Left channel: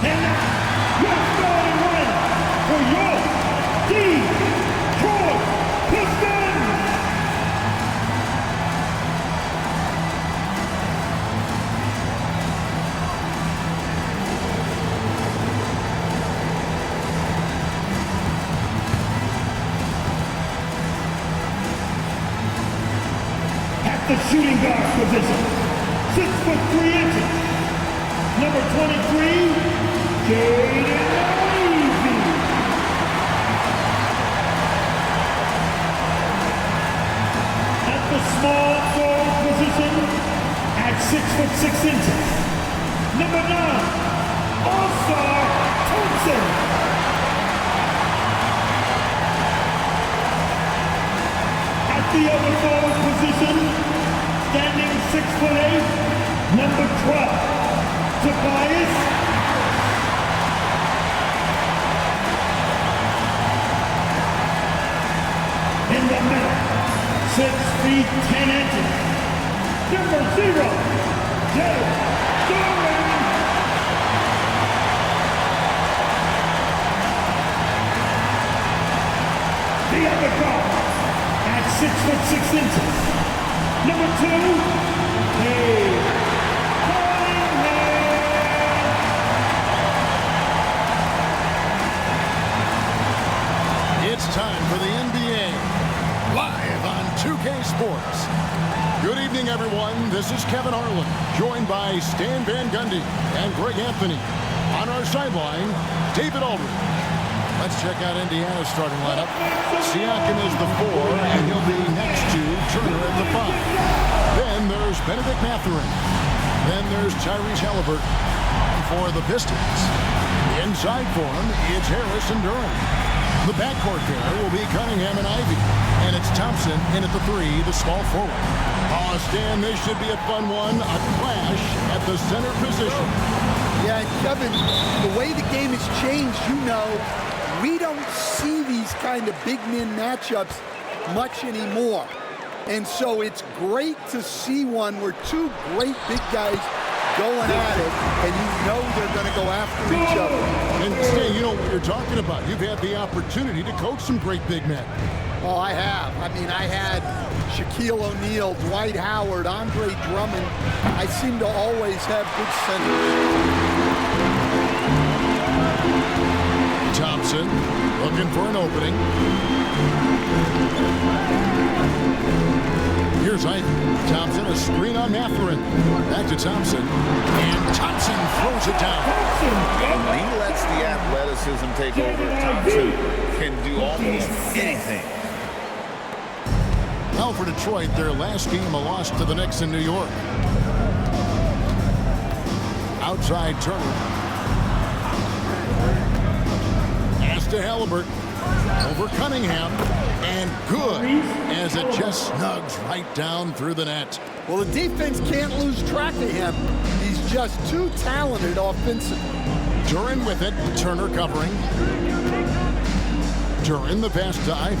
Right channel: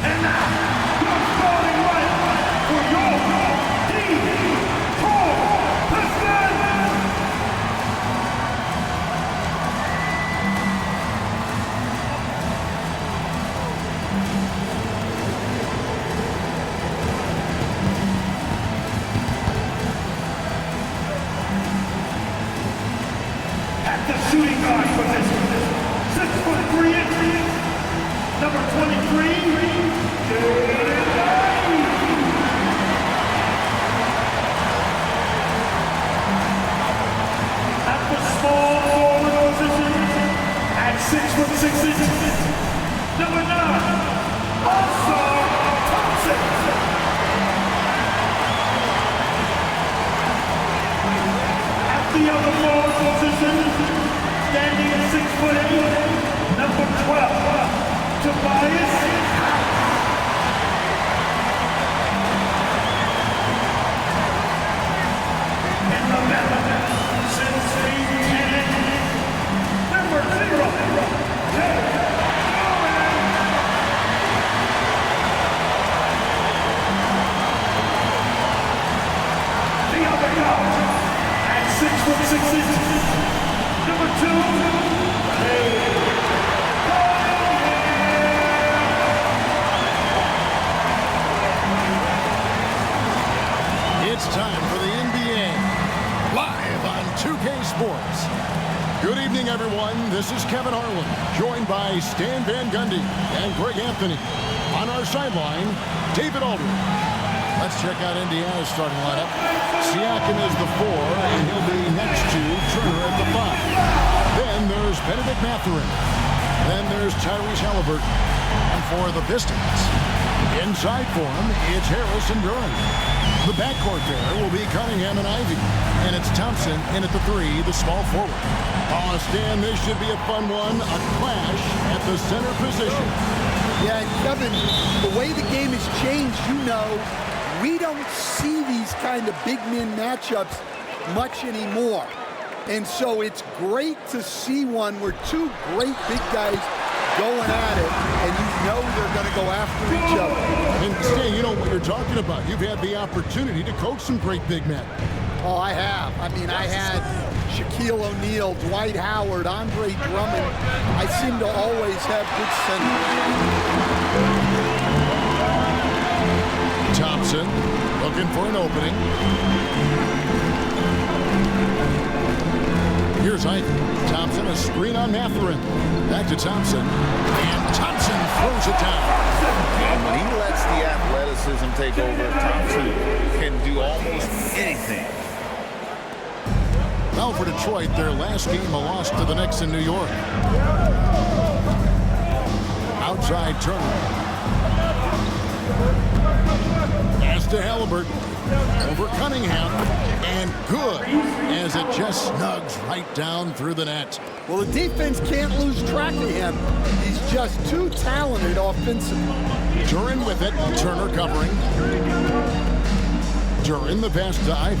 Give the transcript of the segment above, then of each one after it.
And now, your starting lineup for your Detroit Pistons. At the shooting guard position, 6'3", number 23, Jaden Ivey. At the small forward position, at 6'6", number 9, All-Star Thompson. At the other forward position, standing 6'8", number 12, Tobias. In the middle, 6 feet 10 inches, number 0, Cade Cunningham. The other guard, at 6'6", number 2, Cade Cunningham. It's time for the NBA, live on 2K Sports. Good evening, everyone. This is Kevin Harlan, joined by Stan Van Gundy and Greg Anthony. On our sideline, David Aldridge. Let's check out Indiana's starting lineup. Siakam is the 4, and he'll be next to Turner at the 5. Then there's Benedict Mathurin. Then there's Tyrese Halliburton. And for the Pistons, inside for him, it's Harris and Duran. The backcourt pair will be Cunningham and Ivey. And it's Thompson in at the 3, the small forward. Oh, Stan, this should be a fun one. A clash at the center position. Yeah, and Kevin, the way the game has changed, we don't see these kind of big men matchups much anymore. And so it's great to see one where two great big guys going at it, and they're going to go after each other. And Stan, you know what you're talking about. You've had the opportunity to coach some great big men. Oh, I have. I mean, I had Shaquille O'Neal, Dwight Howard, Andre Drummond. I seem to always have good centers. Thompson looking for an opening. Here's Ivey. Thompson, a screen on Mathurin. Back to Thompson. And Thompson throws it down. And when he lets the athleticism take over, Thompson can do almost anything. Now for Detroit, their last game, a loss to the Knicks in New York. Outside Turner. Pass to Halliburton. Over Cunningham. And good, as it just snugs right down through the net. Well, the defense can't lose track of him. He's just too talented offensively. Duran with it. Turner covering. Duran the pass to Ivey.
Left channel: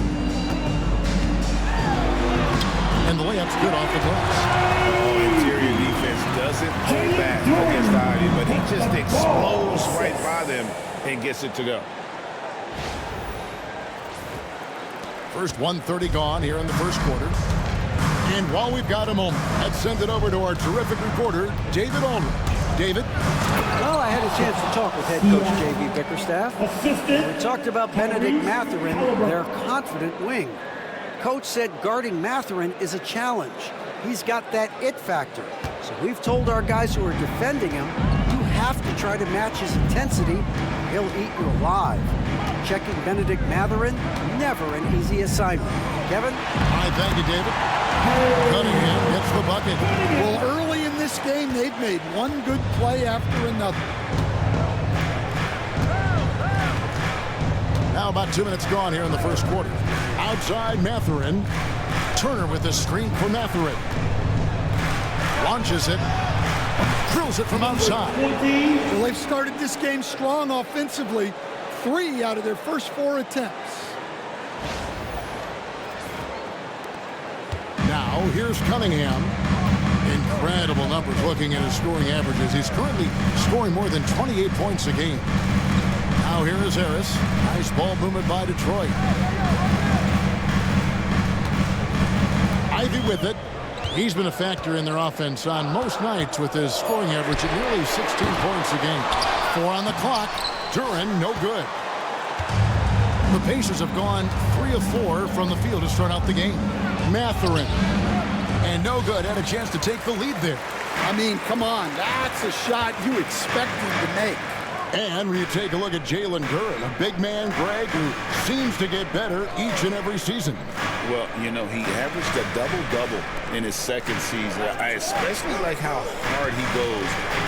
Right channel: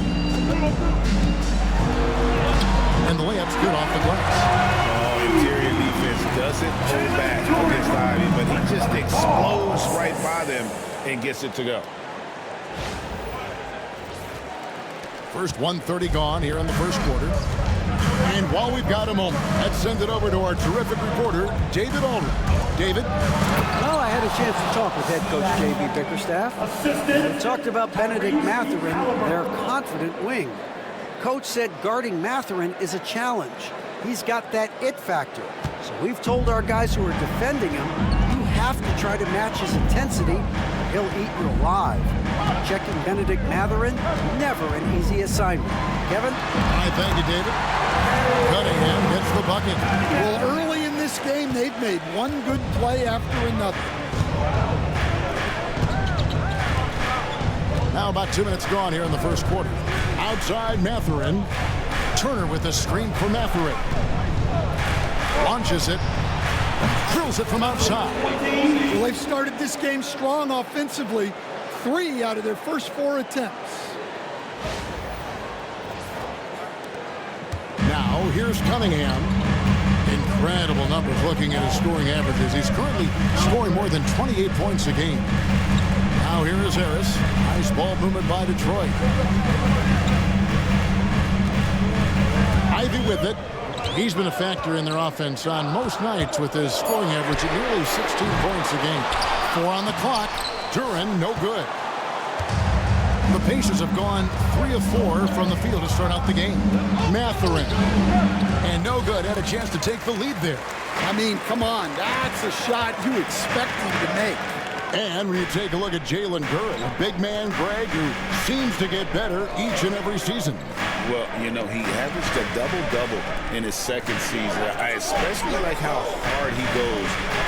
And the layup's good off the glass. Oh, interior defense doesn't hold back against Ivey, but he just explodes right by them and gets it to go. First 1:30 gone here in the first quarter. And while we've got a moment, let's send it over to our terrific reporter, David Aldridge. David? Well, I had a chance to talk with head coach J.B. Bickerstaff. And we talked about Benedict Mathurin, their confident wing. Coach said guarding Mathurin is a challenge. He's got that it factor. So we've told our guys who are defending him, you have to try to match his intensity, or he'll eat you alive. Checking Benedict Mathurin, never an easy assignment. Kevin? All right, thank you, David. Cunningham gets the bucket. Well, early in this game, they've made one good play after another. Now about 2 minutes gone here in the first quarter. Outside Mathurin. Turner with the screen for Mathurin. Launches it. Drills it from outside. Well, they've started this game strong offensively. 3 out of their first 4 attempts. Now here's Cunningham. Incredible numbers looking at his scoring averages. He's currently scoring more than 28 points a game. Now here is Harris. Nice ball movement by Detroit. Ivey with it. He's been a factor in their offense on most nights with his scoring average at nearly 16 points a game. 4 on the clock. Duren, no good. The Pacers have gone 3 of 4 from the field to start out the game. Mathurin. And no good. Had a chance to take the lead there. I mean, come on. That's a shot you expect him to make. And when you take a look at Jalen Duren, a big man, Greg, who seems to get better each and every season. Well, you know, he averaged a double-double in his second season. I especially like how hard he goes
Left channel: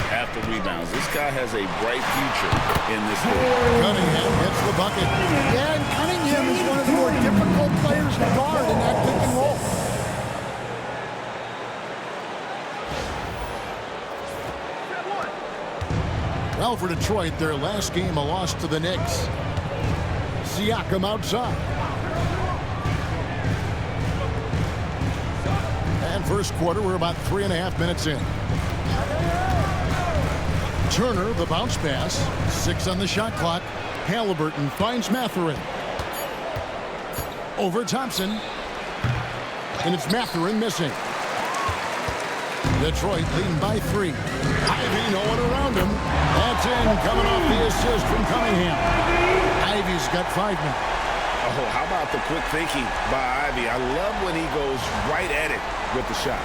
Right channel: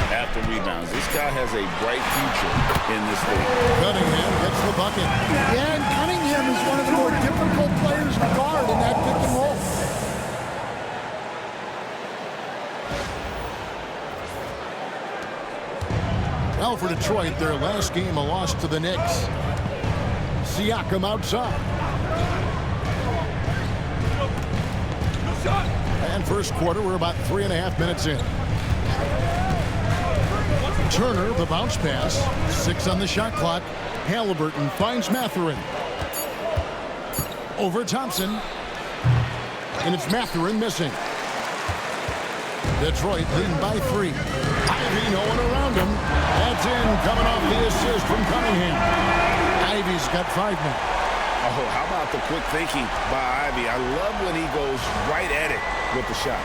after rebounds. This guy has a bright future in this league. Cunningham gets the bucket. Yeah, and Cunningham is one of the more difficult players to guard in that pick and roll. Well, for Detroit, their last game, a loss to the Knicks. Siakam outside. And first quarter, we're about 3.5 minutes in. Turner, the bounce pass. 6 on the shot clock. Halliburton finds Mathurin. Over Thompson. And it's Mathurin missing. Detroit leading by 3. Ivey, no one around him. That's in, coming off the assist from Cunningham. Ivey's got 5 now. Oh, how about the quick thinking by Ivey? I love when he goes right at it with the shot.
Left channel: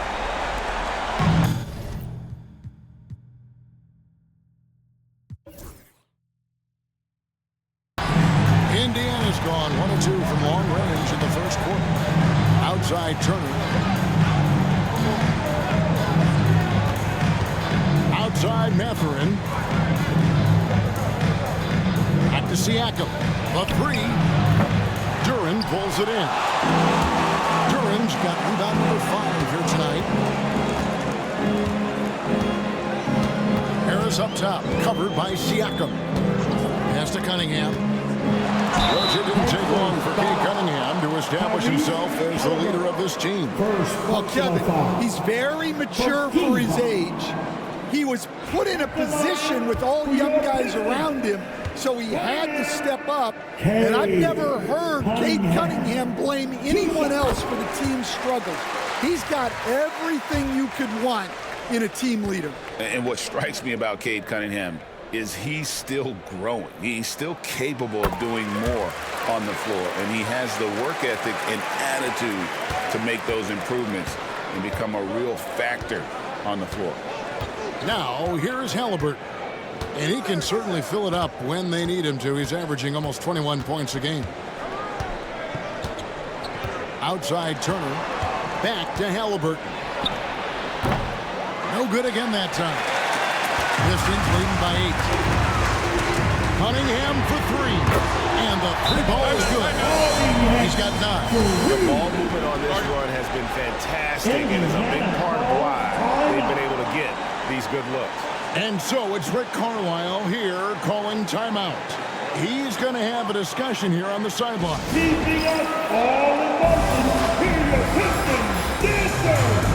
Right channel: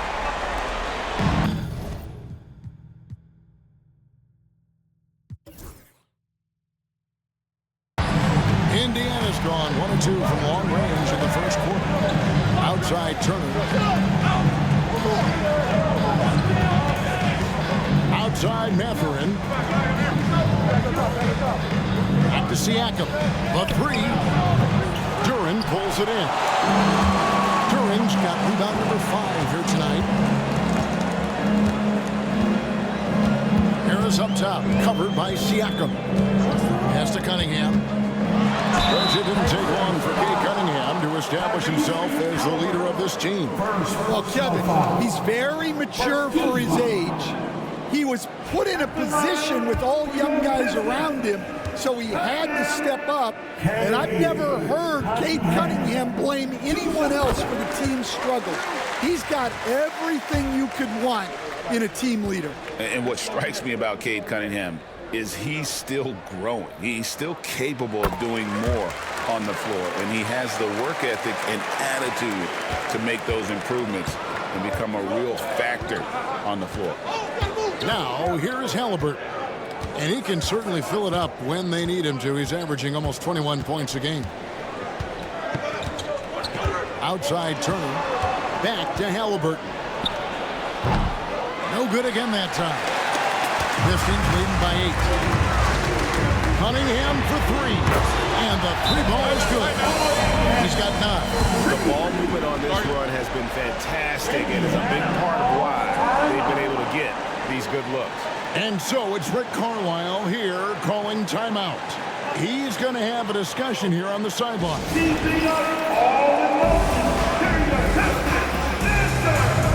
Indiana's gone 1 of 2 from long range in the first quarter. Outside Turner. Outside Mathurin. Back to Siakam. The 3. Duren pulls it in. Duren's got rebound number 5 here tonight. Harris up top, covered by Siakam. Pass to Cunningham. Coach, it didn't take long for Cade Cunningham to establish himself as the leader of this team. Well, Kevin, he's very mature for his age. He was put in a position with all young guys around him, so he had to step up. And I've never heard Cade Cunningham blame anyone else for the team's struggles. He's got everything you could want in a team leader. And what strikes me about Cade Cunningham is he's still growing. He's still capable of doing more on the floor, and he has the work ethic and attitude to make those improvements and become a real factor on the floor. Now, here's Halliburton. And he can certainly fill it up when they need him to. He's averaging almost 21 points a game. Outside Turner. Back to Halliburton. No good again that time. Pistons leading by 8. Cunningham for 3. And the 3 ball is good. He's got 9. The ball movement on this run has been fantastic and is a big part of why they've been able to get these good looks. And so it's Rick Carlisle here calling timeout. He's going to have a discussion here on the sideline. Keeping us all in motion. Here your Pistons dancers.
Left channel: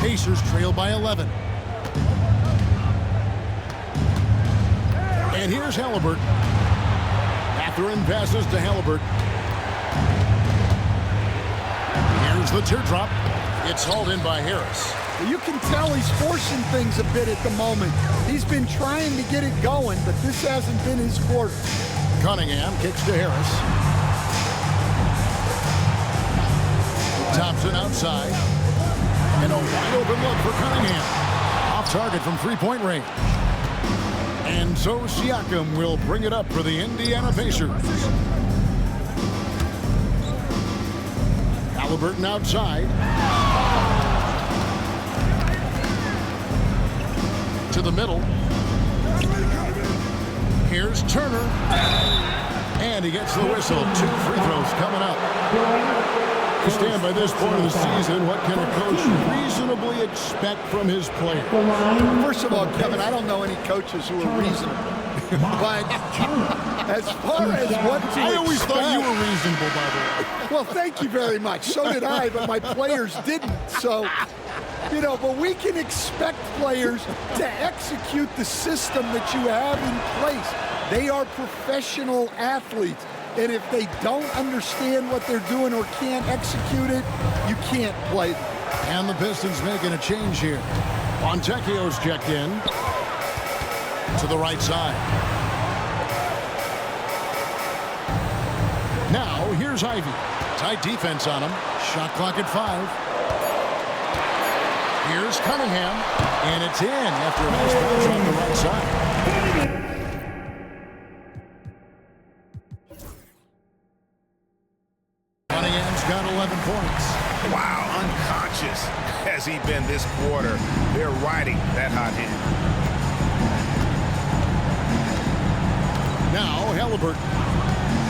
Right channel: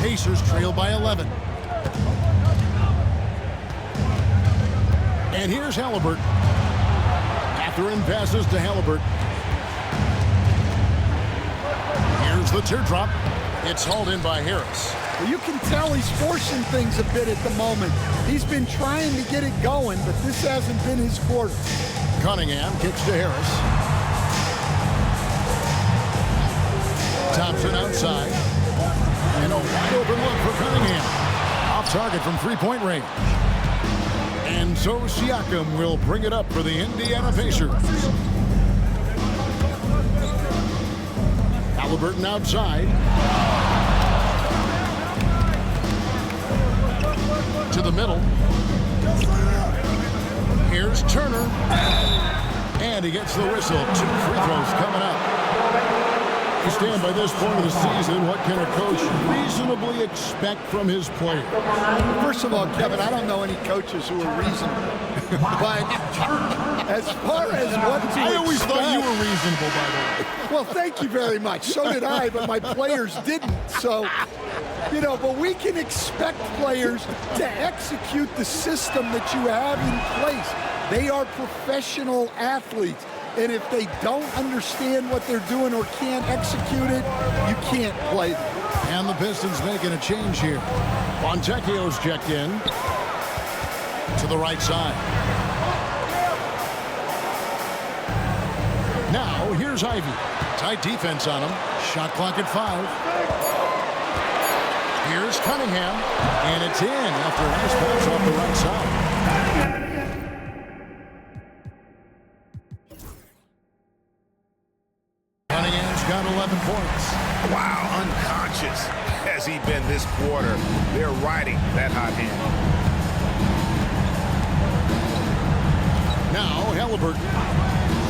Pacers trail by 11. And here's Halliburton. Mathurin passes to Halliburton. Here's the teardrop. It's hauled in by Harris. Well, you can tell he's forcing things a bit at the moment. He's been trying to get it going, but this hasn't been his quarter. Cunningham kicks to Harris. Thompson outside. And a wide open look for Cunningham. Off target from 3-point range. And so Siakam will bring it up for the Indiana Pacers. Halliburton outside. To the middle. Here's Turner. And he gets the whistle. 2 free throws coming up. To stand by this point of the season, what can a coach reasonably expect from his players? First of all, Kevin, I don't know any coaches who are reasonable. But as far as what to expect... I always thought you were reasonable, by the way. Well, thank you very much. So did I, but my players didn't. So, you know, but we can expect players to execute the system that you have in place. They are professional athletes. And if they don't understand what they're doing or can't execute it, you can't play them. And the Pistons making a change here. Fontecchio's checked in. To the right side. Now, here's Ivey. Tight defense on him. Shot clock at 5. Here's Cunningham. And it's in after a nice bounce off the right side. Cunningham's got 11 points. Wow, unconscious has he been this quarter. They're riding that hot hand. Now Halliburton.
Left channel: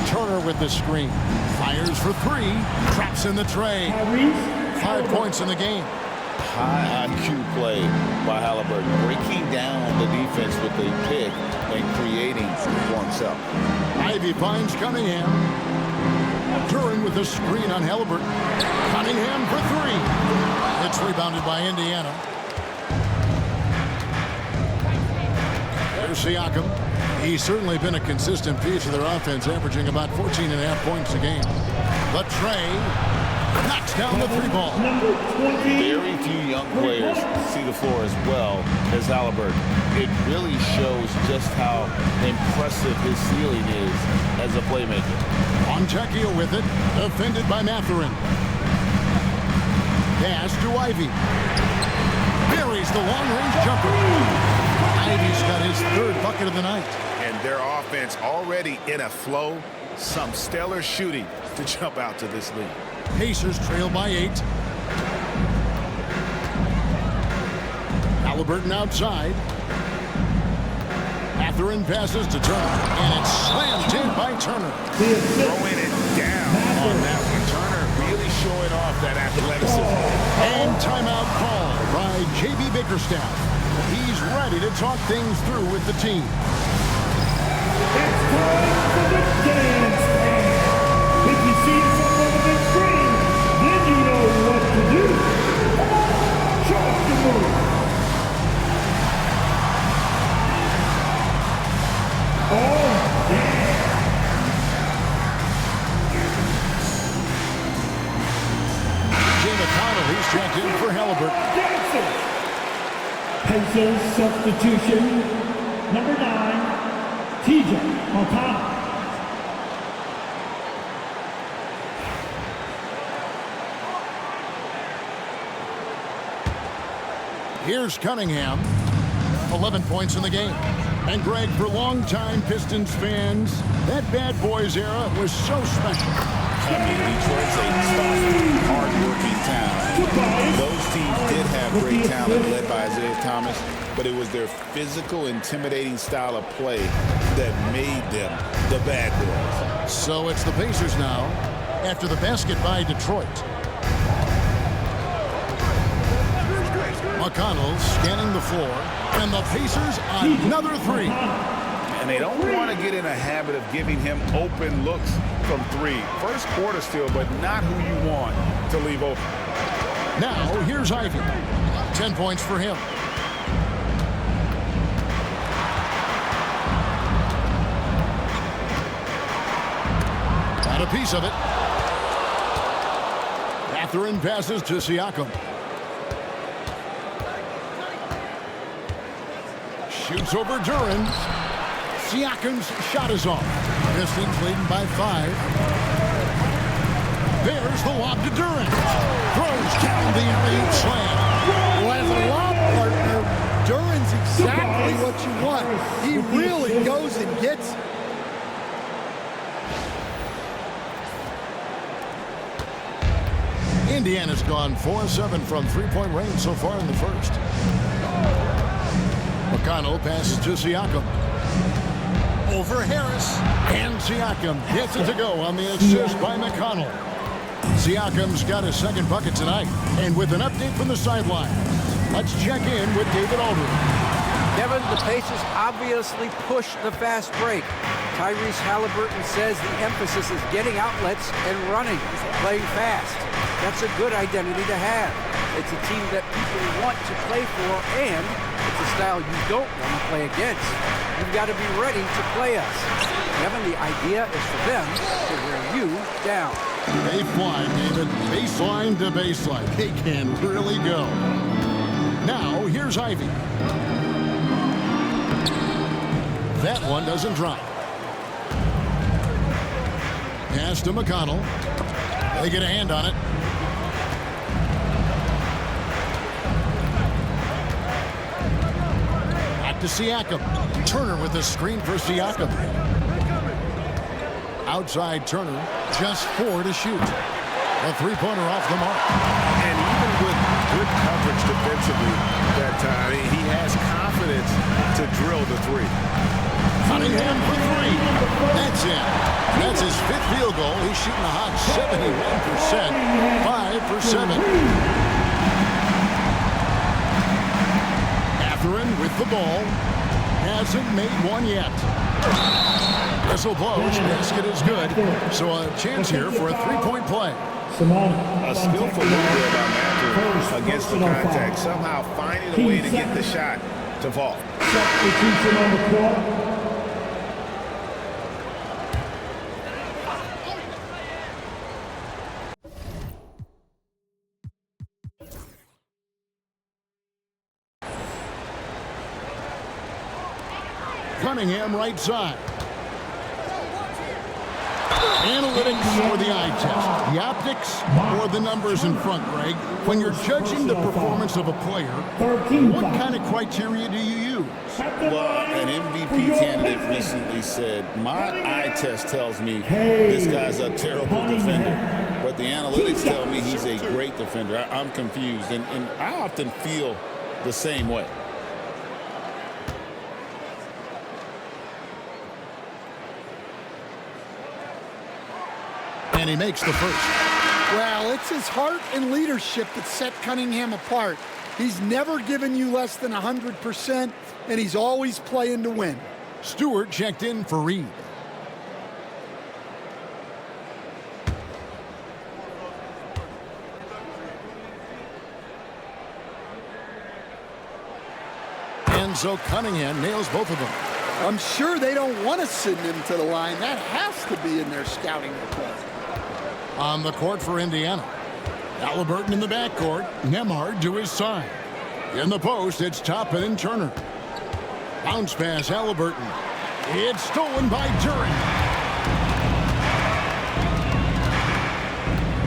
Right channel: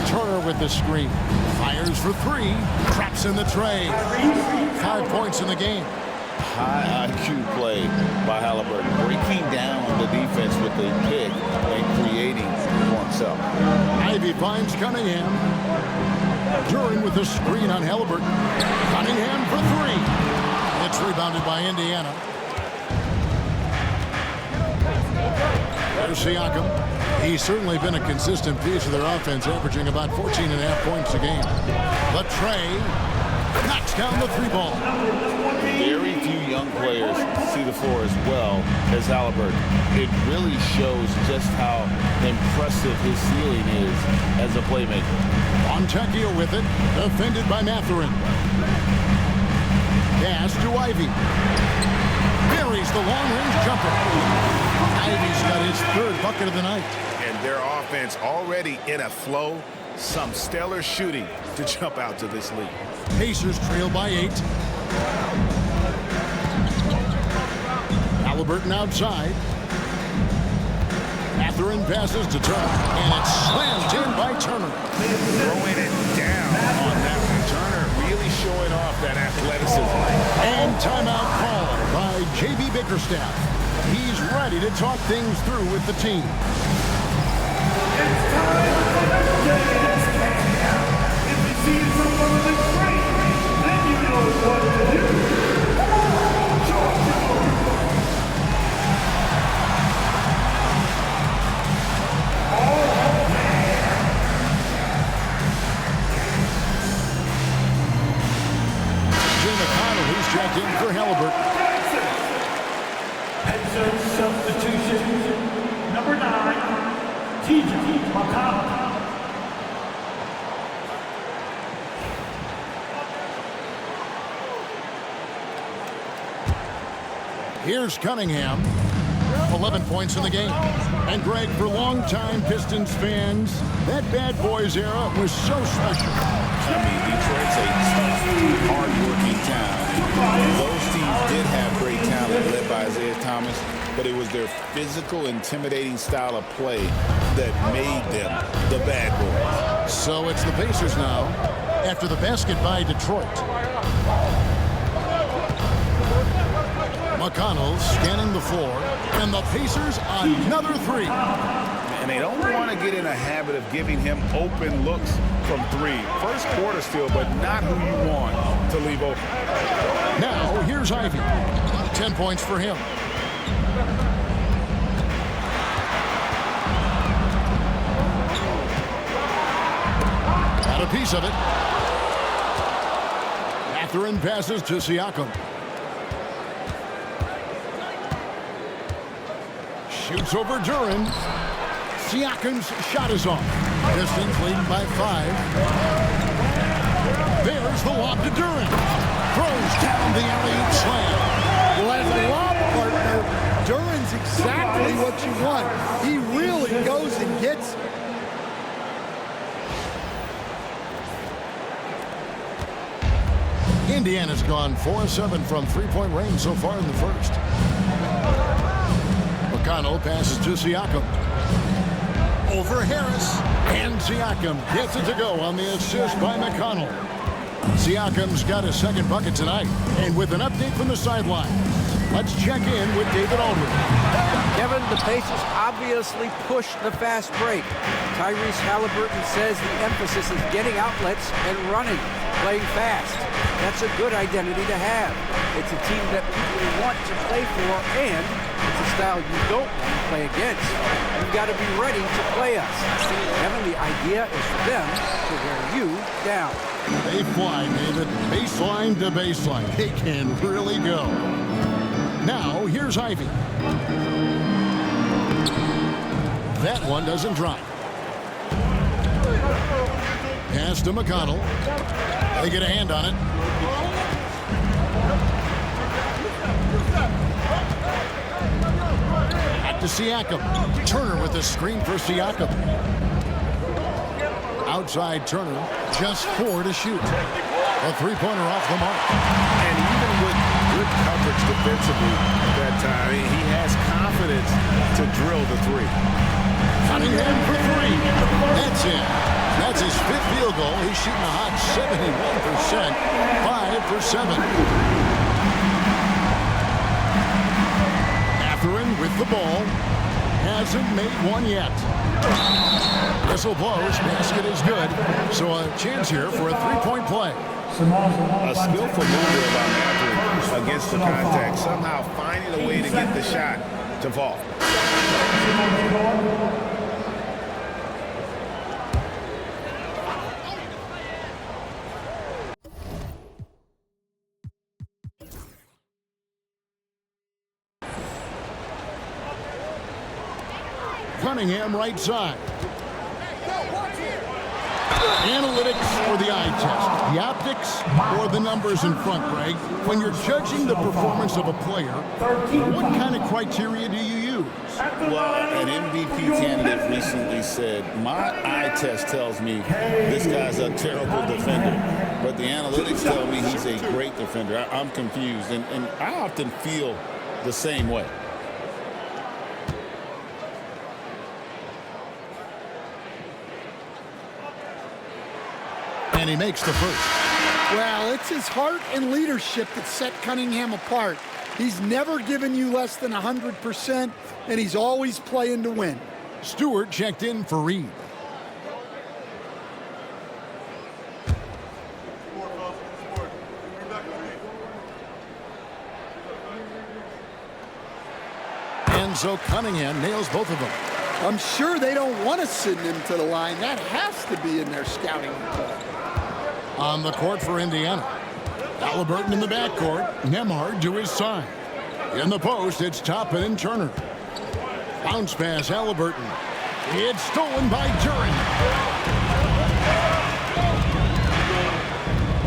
Turner with the screen. Fires for 3. Traps in the tray. 5 points in the game. High IQ play by Halliburton, breaking down the defense with a pick and creating for himself. Ivey finds Cunningham. Duran with the screen on Halliburton. Cunningham for 3. It's rebounded by Indiana. There's Siakam. He's certainly been a consistent piece of their offense, averaging about 14.5 points a game. The tray knocks down the 3-ball. Very few young players see the floor as well as Halliburton. It really shows just how impressive his ceiling is as a playmaker. Fontecchio with it, defended by Mathurin. Pass to Ivey. Buries the long-range jumper. Ivey's got his 3rd bucket of the night. And their offense already in a flow. Some stellar shooting to jump out to this lead. Pacers trail by 8. Halliburton outside. Mathurin passes to Turner, and it's slammed in by Turner. Throwing it down on that one. Turner really showing off that athleticism. And timeout call by J.B. Bickerstaff. He's ready to talk things through with the team. It's time for the dance cam. If you see someone on the screen, then you know what to do. Show us the move. Oh, yeah. Jay McConnell, he's checked in for Halliburton. Pacers substitution, number 9, TJ McConnell. Here's Cunningham. 11 points in the game. And Greg, for longtime Pistons fans, that Bad Boys era was so special. I mean, Detroit's a tough, hard-working town. Those teams did have great talent led by Isaiah Thomas, but it was their physical, intimidating style of play that made them the Bad Boys. So it's the Pacers now after the basket by Detroit. McConnell scanning the floor, and the Pacers another 3. And they don't want to get in a habit of giving him open looks from 3. First quarter still, but not who you want to leave open. Now, here's Ivey. 10 points for him. Got a piece of it. Mathurin passes to Siakam. Shoots over Duran. Siakam's shot is off. Pistons leading by 5. There's the lob to Duran. Throws down the alley-oop slam. Well, as a lob partner, Duren's exactly what you want. He really goes and gets it. Indiana's gone 4-7 from three-point range so far in the first. McConnell passes to Siakam. Over Harris. And Siakam gets it to go on the assist by McConnell. Siakam's got his second bucket tonight. And with an update from the sidelines, let's check in with David Aldridge. Kevin, the Pacers obviously push the fast break. Tyrese Halliburton says the emphasis is getting outlets and running, playing fast. That's a good identity to have. It's a team that people want to play for, and it's a style you don't want to play against. You've got to be ready to play us. Kevin, the idea is for them to wear you down. They fly, David. Baseline to baseline. They can really go. Now, here's Ivey. That one doesn't drop. Pass to McConnell. They get a hand on it. Back to Siakam. Turner with the screen for Siakam. Outside Turner, just 4 to shoot. A three-pointer off the mark. And even with good coverage defensively that time, he has confidence to drill the three. Cunningham for 3. That's in. That's his 5th field goal. He's shooting a hot 71%. 5 for 7. Mathurin with the ball. Hasn't made one yet. Whistle blows. Basket is good. So a chance here for a three-point play. A skillful move there by Mathurin against the contact. Somehow finding a way to get the shot to fall. Substitution on the floor. Cunningham right side. Analytics or the eye test? The optics or the numbers in front, Greg? When you're judging the performance of a player, what kind of criteria do you use? Well, an MVP candidate recently said, my eye test tells me this guy's a terrible defender, but the analytics tell me he's a great defender. I'm confused, and I often feel the same way. And he makes the first. Well, it's his heart and leadership that set Cunningham apart. He's never given you less than 100%, and he's always playing to win. Stewart checked in for Reed. And so Cunningham nails both of them. I'm sure they don't want to send him to the line. That has to be in their scouting report. On the court for Indiana. Halliburton in the backcourt. Nembhard to his side. In the post, it's Toppin and Turner. Bounce pass, Halliburton. It's stolen by Duren.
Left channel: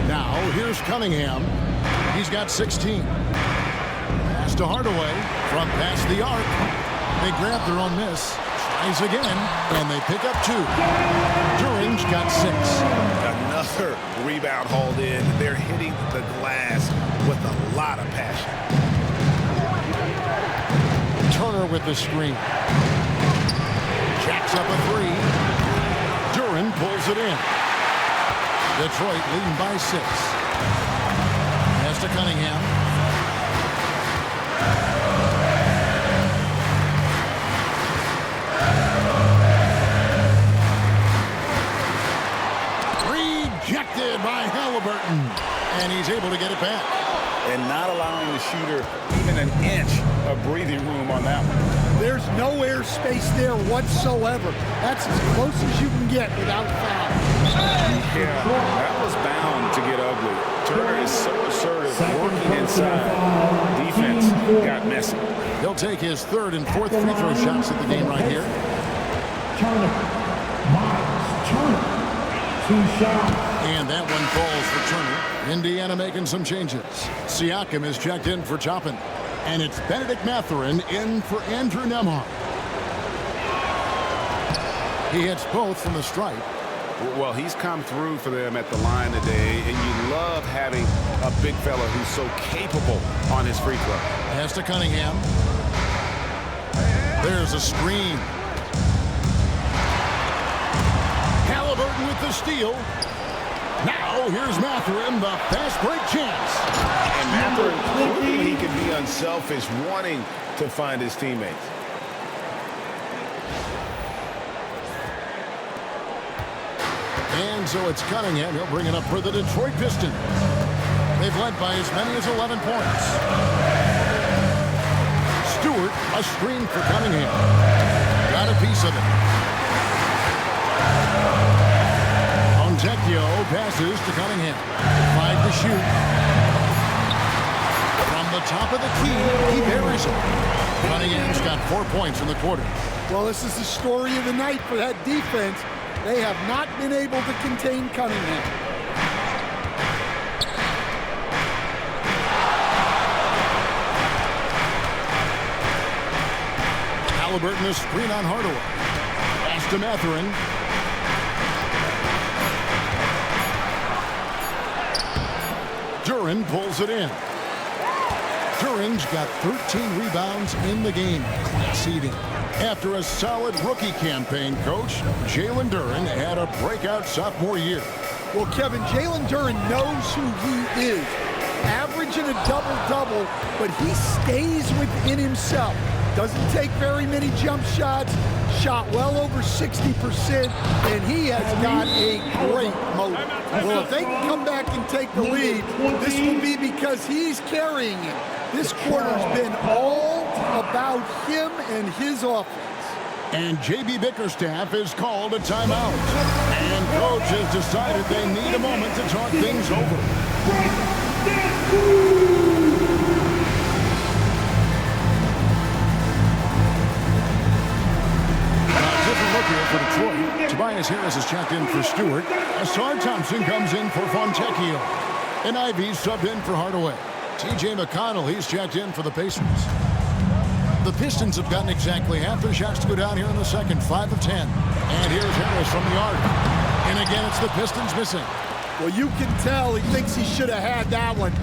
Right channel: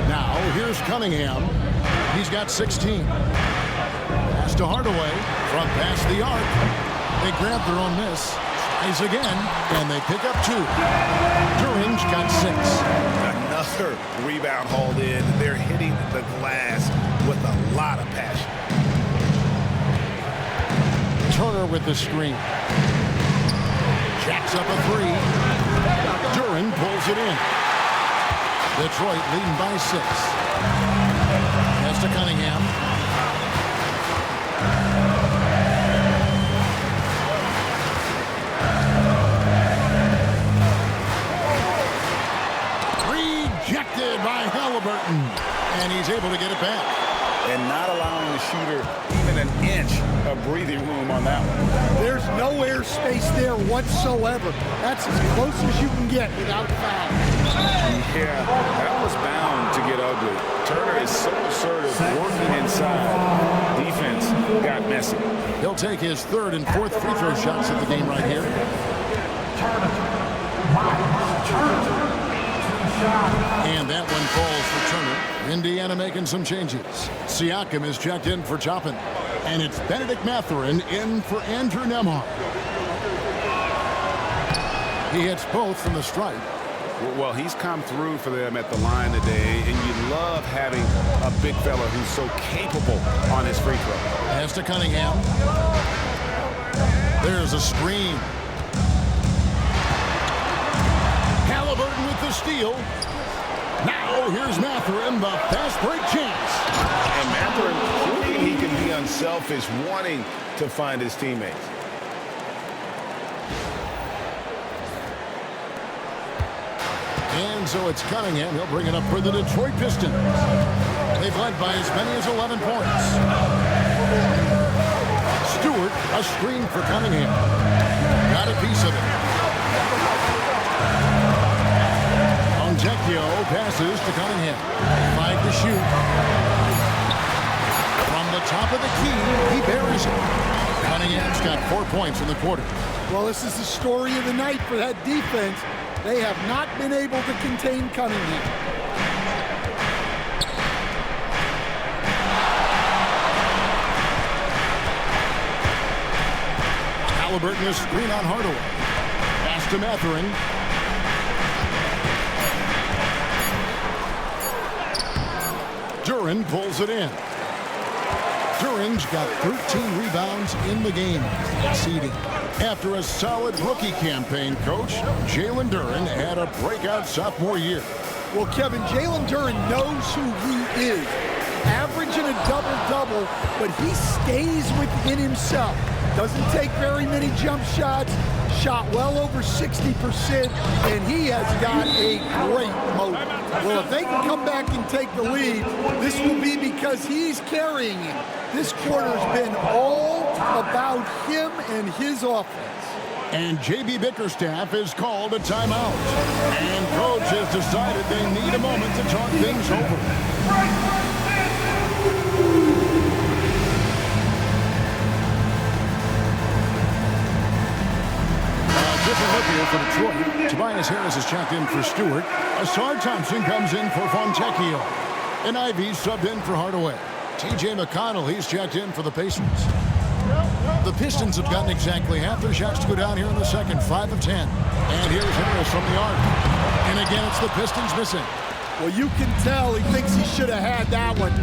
Now, here's Cunningham. He's got 16. Pass to Hardaway. From past the arc. They grab their own miss. Tries again, and they pick up 2. Duren's got 6. Another rebound hauled in. They're hitting the glass with a lot of passion. Turner with the screen. Jacks up a 3. Duren pulls it in. Detroit leading by 6. Pass to Cunningham. Rejected by Halliburton. And he's able to get it back. And not allowing the shooter even an inch of breathing room on that one. There's no airspace there whatsoever. That's as close as you can get without foul. Yeah, that was bound to get ugly. Turner is so assertive, working inside. Defense got messy. He'll take his 3rd and 4th free throw shots at the game right here. Turner. Miles Turner. 2 shots. And that one falls for Turner. Indiana making some changes. Siakam is checked in for Toppin. And it's Benedict Mathurin in for Andrew Nembhard. He hits both from the stripe. Well, he's come through for them at the line today, and you love having a big fella who's so capable on his free throw. Pass to Cunningham. There's a screen. Halliburton with the steal. Now here's Mathurin, the fast break chance. And Mathurin proving he can be unselfish, wanting to find his teammates. And so it's Cunningham. He'll bring it up for the Detroit Pistons. They've led by as many as 11 points. Stewart, a screen for Cunningham. Got a piece of it. Onjekio passes to Cunningham. 5 to shoot. From the top of the key, he buries it. Cunningham's got 4 points in the quarter. Well, this is the story of the night for that defense. They have not been able to contain Cunningham. Halliburton a screen on Hardaway. Pass to Mathurin. Duren pulls it in. Duren's got 13 rebounds in the game. Class eating. After a solid rookie campaign, Coach, Jalen Duren had a breakout sophomore year. Well, Kevin, Jalen Duren knows who he is. Averaging a double-double, but he stays within himself. Doesn't take very many jump shots. Shot well over 60%, and he has got a great motor. Well, if they can come back and take the lead, this will be because he's carrying him. This quarter's been all about him and his offense. And J.B. Bickerstaff has called a timeout. And Coach has decided they need a moment to talk things over. Different look here for Detroit. Tobias Harris is checked in for Stewart. Asar Thompson comes in for Fontecchio. And Ivey subbed in for Hardaway. T.J. McConnell, he's checked in for the Pacers. The Pistons have gotten exactly half their shots to go down here in the second, 5 of 10. And here's Harris from the arc. And again, it's the Pistons missing. Well, you can tell he thinks he should have had that one.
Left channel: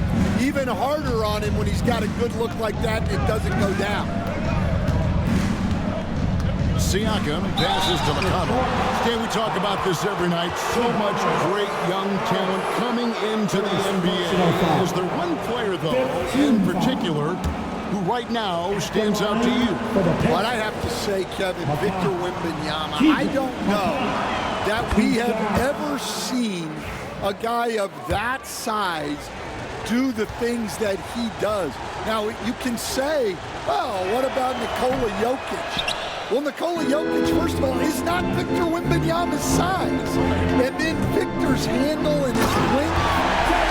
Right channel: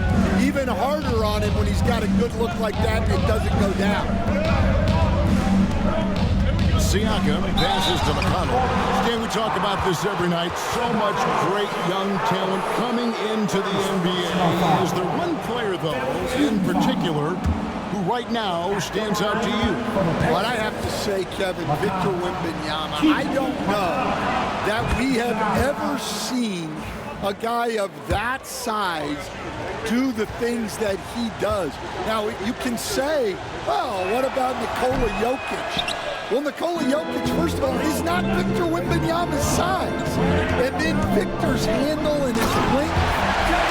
Even harder on him when he's got a good look like that and it doesn't go down. Siakam passes to McConnell. Stan, we talk about this every night. So much great young talent coming into the NBA. Is there one player, though, in particular, who right now stands out to you? Well, I have to say, Kevin, Victor Wembanyama. I don't know that we have ever seen a guy of that size do the things that he does. Now, you can say, well, what about Nikola Jokic? Well, Nikola Jokic, first of all, is not Victor Wembanyama's size. And then Victor's handle and his length,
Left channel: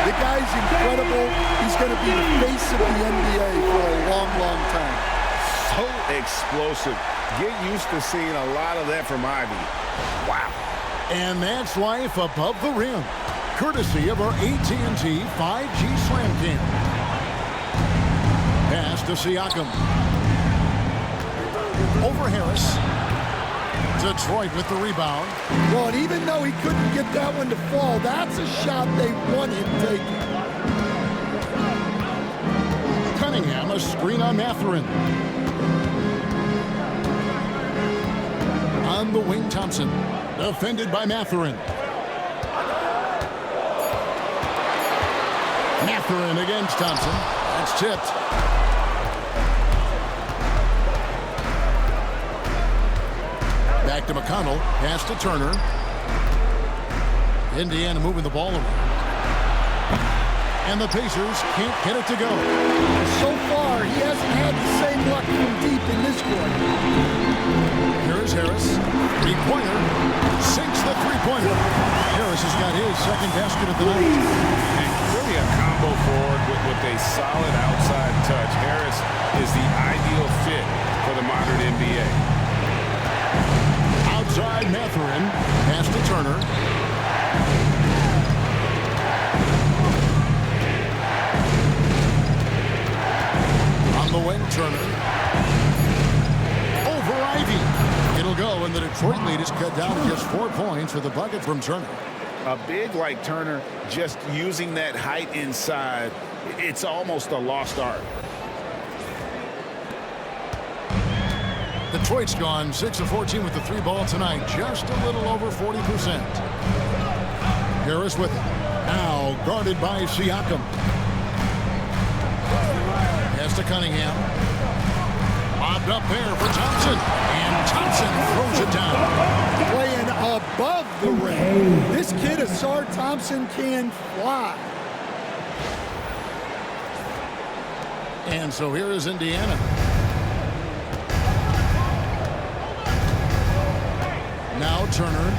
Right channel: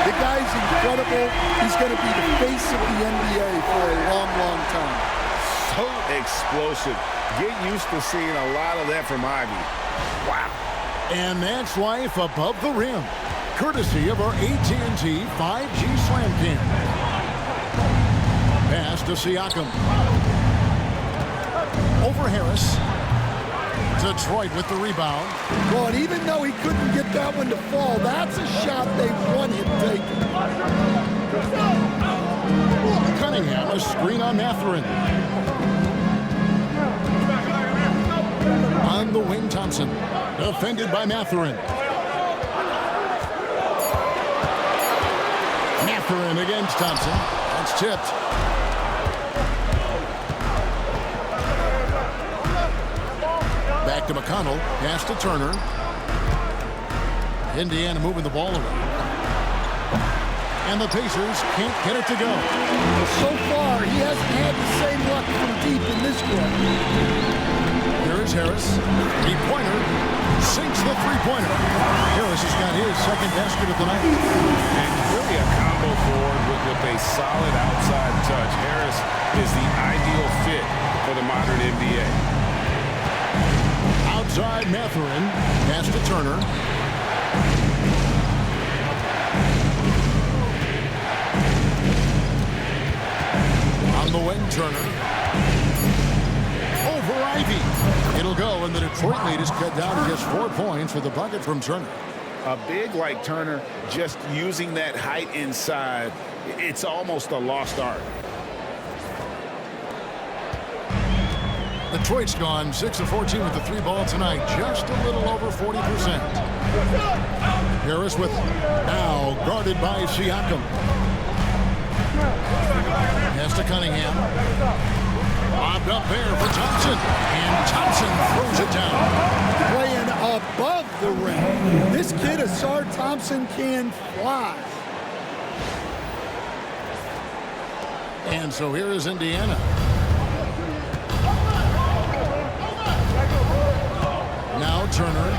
the guy's incredible. He's going to be the face of the NBA for a long, long time. So explosive. Get used to seeing a lot of that from Ivey. Wow. And that's life above the rim, courtesy of our AT&T 5G Slam Cam. Pass to Siakam. Over Harris. Detroit with the rebound. Well, and even though he couldn't get that one to fall, that's a shot they want him taking. Cunningham, a screen on Mathurin. On the wing, Thompson. Defended by Mathurin. Mathurin against Thompson. That's tipped. Back to McConnell. Pass to Turner. Indiana moving the ball around. And the Pacers can't get it to go. So far, he hasn't had the same luck from deep in this quarter. Here is Harris. Three-pointer. Sinks the three-pointer. Harris has got his second basket of the night. And really a combo forward with a solid outside touch. Harris is the ideal fit for the modern NBA. Outside Mathurin. Pass to Turner. On the the wing, Turner. Over Ivey. It'll go, and the Detroit lead is cut down to just 4 points with a bucket from Turner. A big like Turner, just using that height inside, it's almost a lost art. Detroit's gone 6 of 14 with the 3 ball tonight, just a little over 40%. Harris with it. Now guarded by Siakam. Pass to Cunningham. Lobbed up there for Thompson. And Thompson throws it down. Playing above the rim. This kid, Asar Thompson, can fly. And so here is Indiana. Now Turner.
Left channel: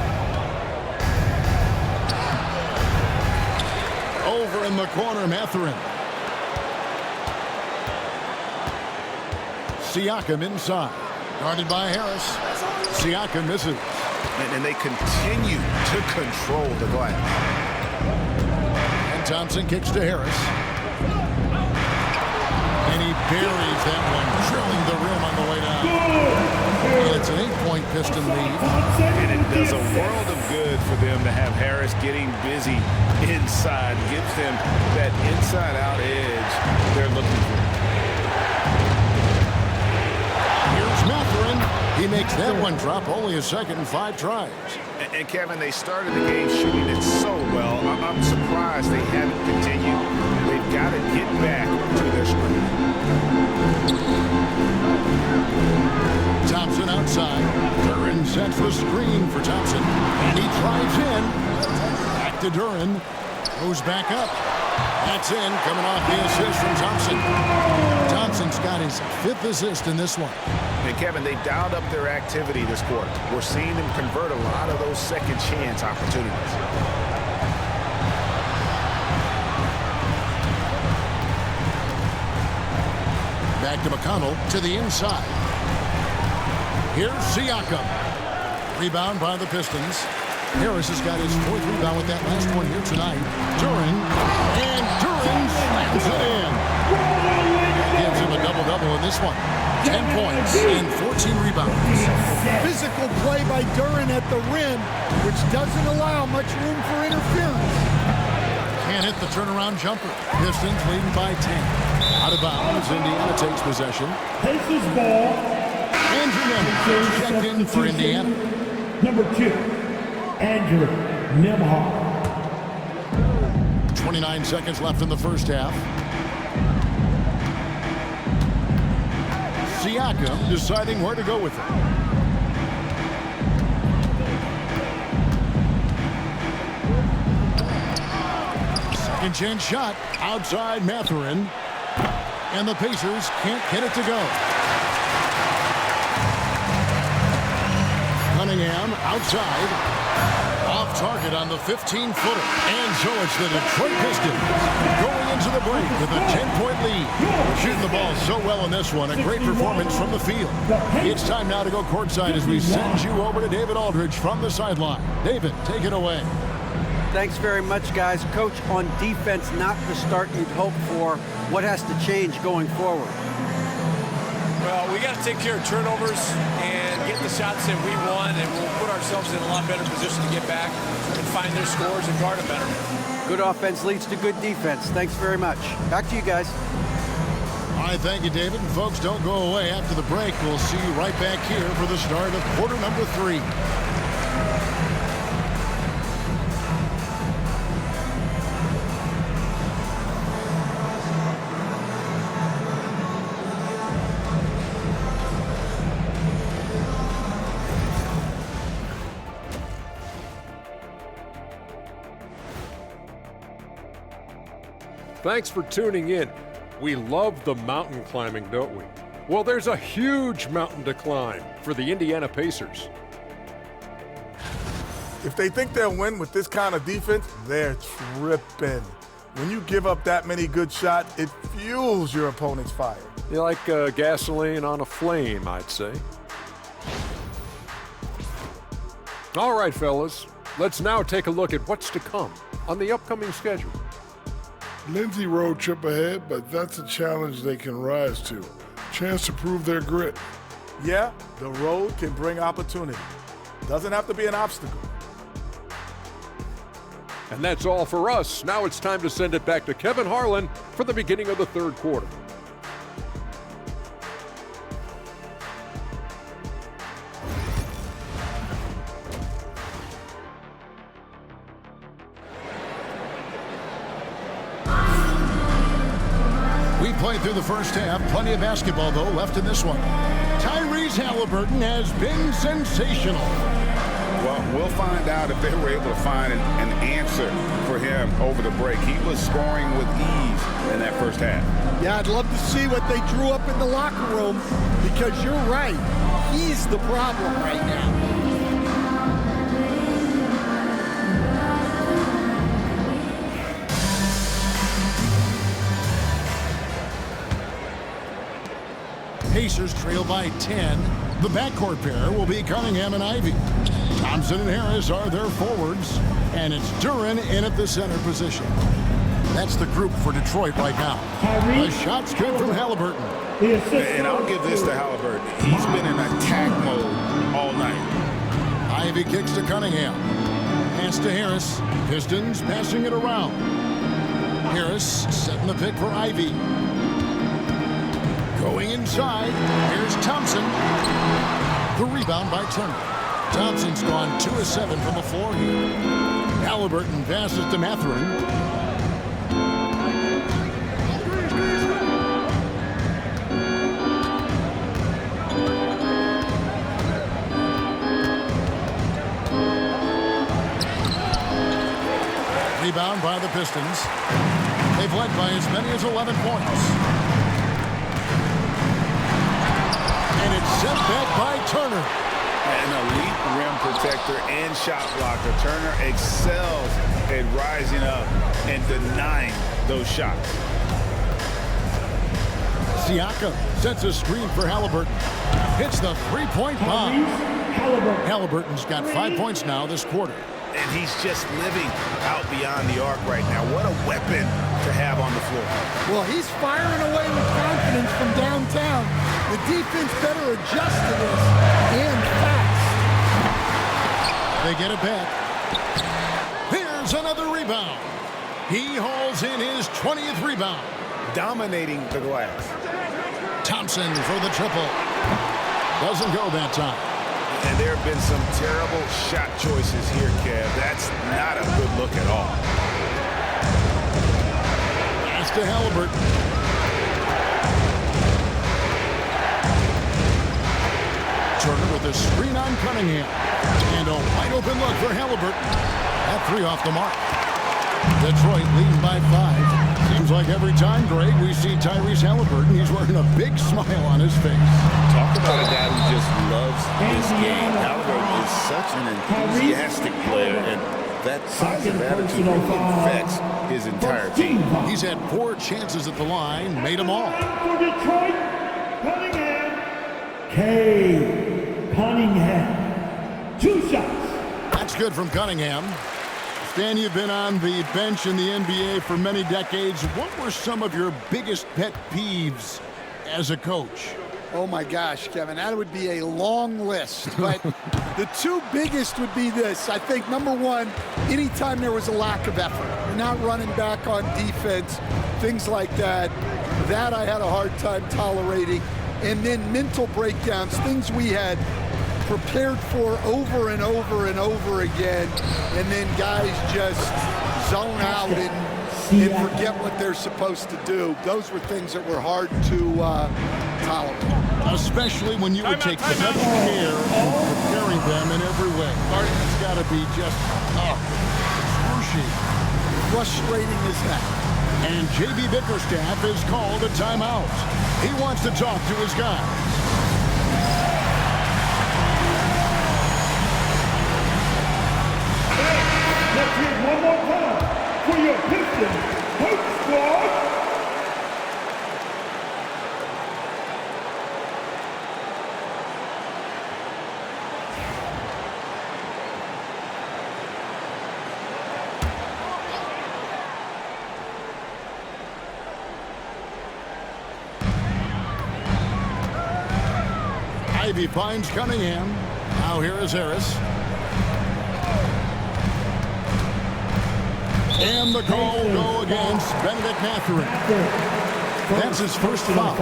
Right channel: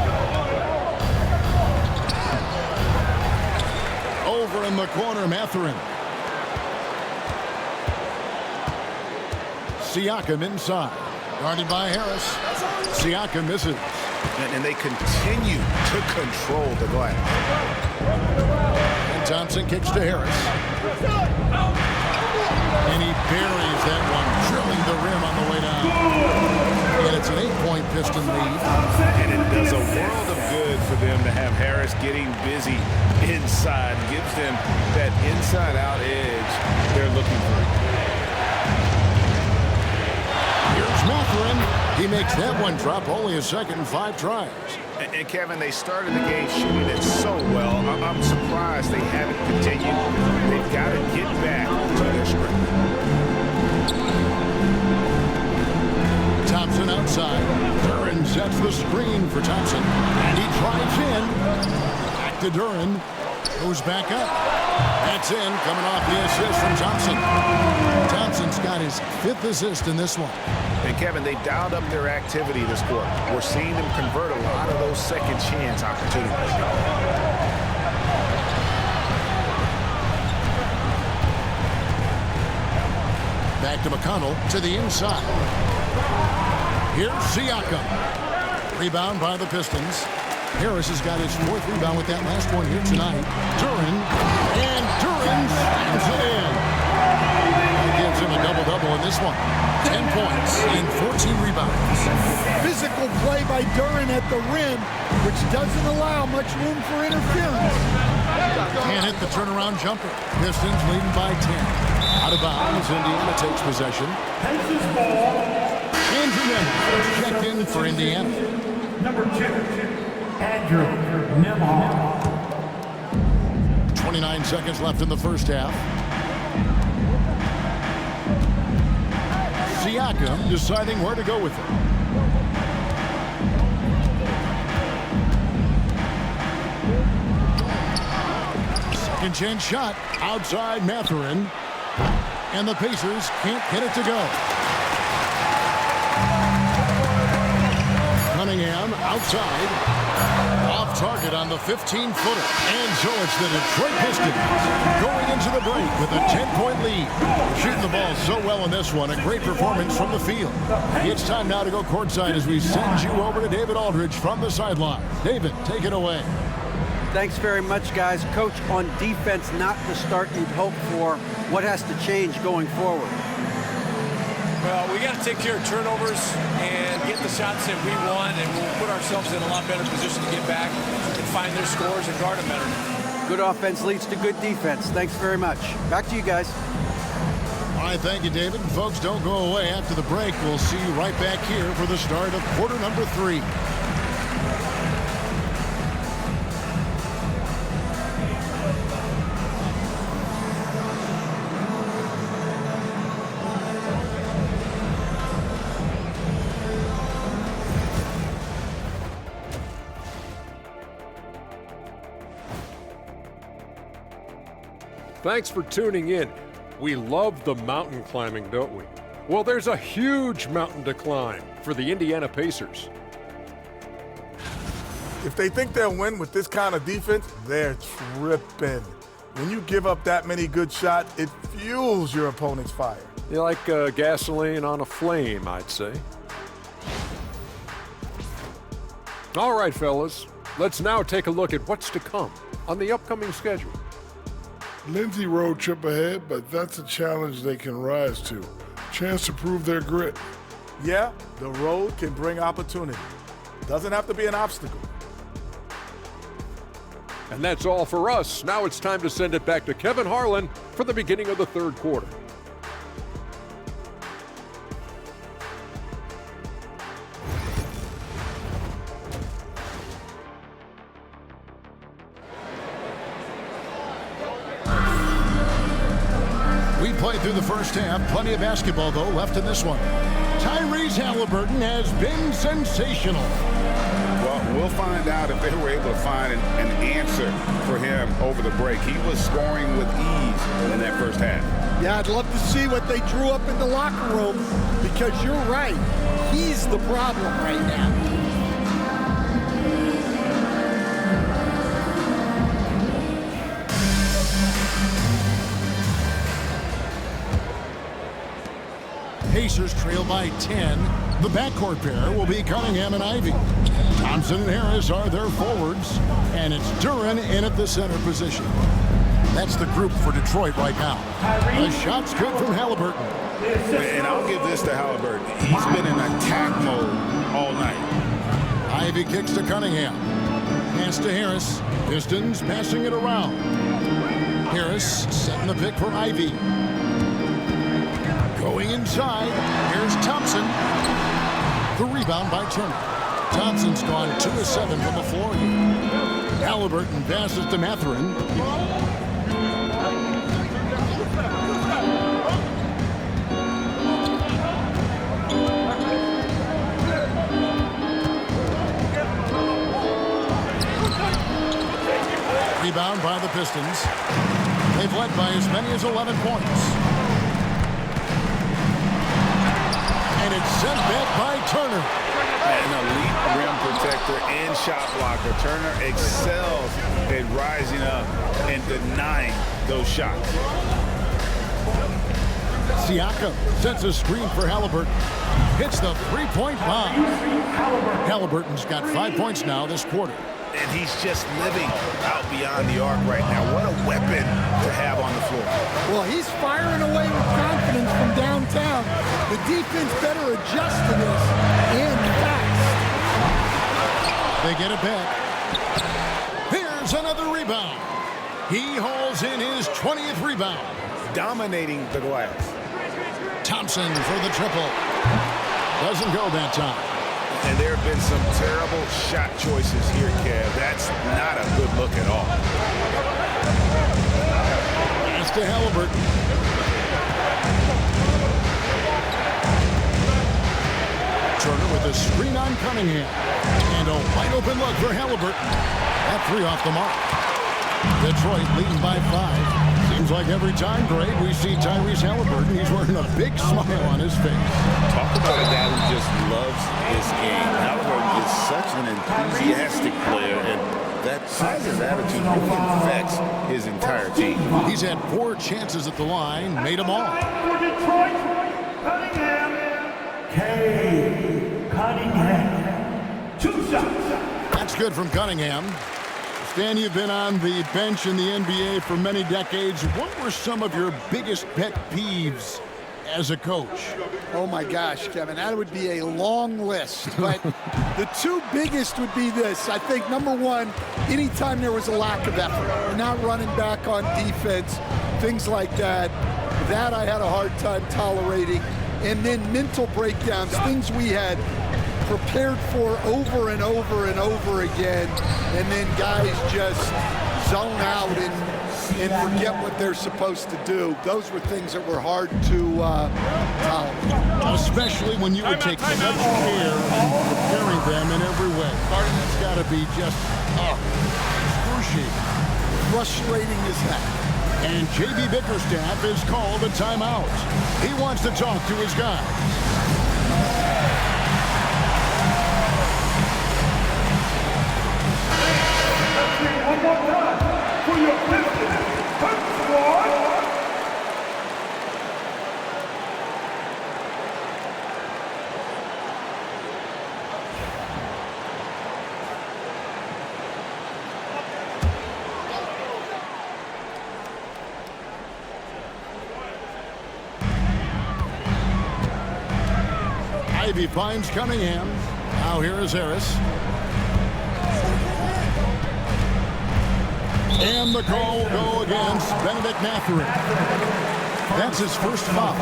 Over in the corner, Mathurin. Siakam inside. Guarded by Harris. Siakam misses. And they continue to control the glass. And Thompson kicks to Harris. And he buries that one, drilling the rim on the way down. And it's an 8-point Piston lead. And it does a world of good for them to have Harris getting busy inside. Gives them that inside-out edge they're looking for. Here's Mathurin. He makes that one drop, only a second and 5 tries. And Kevin, they started the game shooting it so well. I'm surprised they haven't continued. They've got to get back to their strength. Thompson outside. Duren sets the screen for Thompson. And he drives in. Back to Duren. Goes back up. That's in, coming off the assist from Thompson. Thompson's got his 5th assist in this one. And Kevin, they dialed up their activity this quarter. We're seeing them convert a lot of those second chance opportunities. Back to McConnell to the inside. Here's Siakam. Rebound by the Pistons. Harris has got his 4th rebound with that last one here tonight. Duren. And Duren slams it in. That gives him a double-double in this one. 10 points and 14 rebounds. Physical play by Duren at the rim, which doesn't allow much room for interference. Can't hit the turnaround jumper. Pistons leading by 10. Out of bounds, Indiana takes possession. Pacers ball. Andrew Nembhard checked in for Indiana. Number 2, Andrew Nembhard. 29 seconds left in the first half. Siakam deciding where to go with it. Second chance shot outside Mathurin. And the Pacers can't get it to go. Cunningham outside. Off target on the 15-footer. And so it's the Detroit Pistons going into the break with a 10-point lead. They're shooting the ball so well in this one. A great performance from the field. It's time now to go courtside as we send you over to David Aldridge from the sideline. David, take it away. Thanks very much, guys. Coach, on defense, not the start you'd hope for. What has to change going forward? Well, we got to take care of turnovers and get the shots that we want, and we'll put ourselves in a lot better position to get back and find their scores and guard them better. Good offense leads to good defense. Thanks very much. Back to you guys. All right, thank you, David. And folks, don't go away. After the break, we'll see you right back here for the start of quarter number 3. Thanks for tuning in. We love the mountain climbing, don't we? Well, there's a huge mountain to climb for the Indiana Pacers. If they think they'll win with this kind of defense, they're tripping. When you give up that many good shots, it fuels your opponent's fire. You're like gasoline on a flame, I'd say. All right, fellas, let's now take a look at what's to come on the upcoming schedule. Lindsay road trip ahead, but that's a challenge they can rise to. Chance to prove their grit. Yeah, the road can bring opportunity. Doesn't have to be an obstacle. And that's all for us. Now it's time to send it back to Kevin Harlan for the beginning of the third quarter. We played through the first half. Plenty of basketball, though, left in this one. Tyrese Halliburton has been sensational. Well, we'll find out if they were able to find an answer for him over the break. He was scoring with ease in that first half. Yeah, I'd love to see what they drew up in the locker room, because you're right. He's the problem right now. Pacers trail by 10. The backcourt pair will be Cunningham and Ivey. Thompson and Harris are their forwards, and it's Duren in at the center position. That's the group for Detroit right now. The shot's good from Halliburton. And I'll give this to Halliburton. He's been in attack mode all night. Ivey kicks to Cunningham. Pass to Harris. Pistons passing it around. Harris setting the pick for Ivey. Going inside, here's Thompson. The rebound by Turner. Thompson's gone 2 of 7 from the floor here. Halliburton passes to Mathurin. Rebound by the Pistons. They've led by as many as 11 points. And it's sent back by Turner. An elite rim protector and shot blocker. Turner excels at rising up and denying those shots. Siakam sets a screen for Halliburton. Hits the three-point bomb. Halliburton's got 5 points now this quarter. And he's just living out beyond the arc right now. What a weapon to have on the floor. Well, he's firing away with confidence from downtown. The defense better adjust to this, and fast. They get it back. Here's another rebound. He hauls in his 20th rebound. Dominating the glass. Thompson for the triple. Doesn't go that time. And there have been some terrible shot choices here, Kev. That's not a good look at all. Pass to Halliburton. Turner with a screen on Cunningham. And a wide open look for Halliburton. That three off the mark. Detroit leading by 5. Seems like every time, Greg, we see Tyrese Halliburton, he's wearing a big smile on his face. Talk about a guy who just loves this game. Halliburton is such an enthusiastic player, and that positive attitude really infects his entire team. He's had 4 chances at the line, made them all. For Detroit, Cunningham. Cade Cunningham. 2 shots. That's good from Cunningham. Stan, you've been on the bench in the NBA for many decades. What were some of your biggest pet peeves as a coach? Oh my gosh, Kevin, that would be a long list. But the 2 biggest would be this. I think number 1, anytime there was a lack of effort, you're not running back on defense, things like that. That I had a hard time tolerating. And then mental breakdowns, things we had prepared for over and over and over again, and then guys just zone out and forget what they're supposed to do. Those were things that were hard to tolerate. Especially when you would take such care in preparing them in every way. That's got to be just excruciating. Frustrating as heck. And J.B. Bickerstaff is called a timeout. He wants to talk to his guys. Let's hear it one more time for your Pistons Coach Squad. Ivey finds Cunningham. Now here is Harris. And the call will go against Benedict Mathurin. That's his first foul.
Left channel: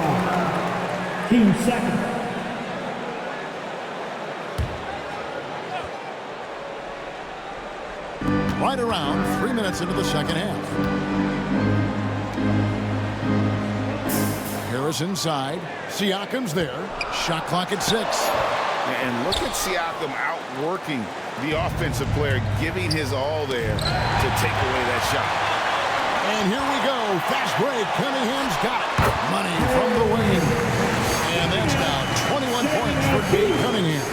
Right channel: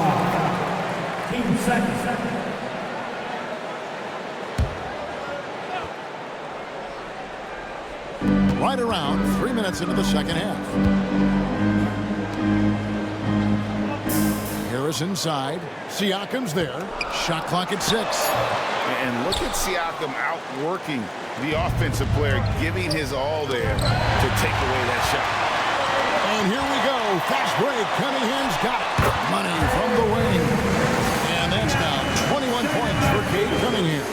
Team second. Right around 3 minutes into the second half. Harris inside. Siakam's there. Shot clock at 6. And look at Siakam outworking the offensive player, giving his all there to take away that shot. And here we go. Fast break. Cunningham's got it. Money from the wing. And that's now 21 points for Cade Cunningham.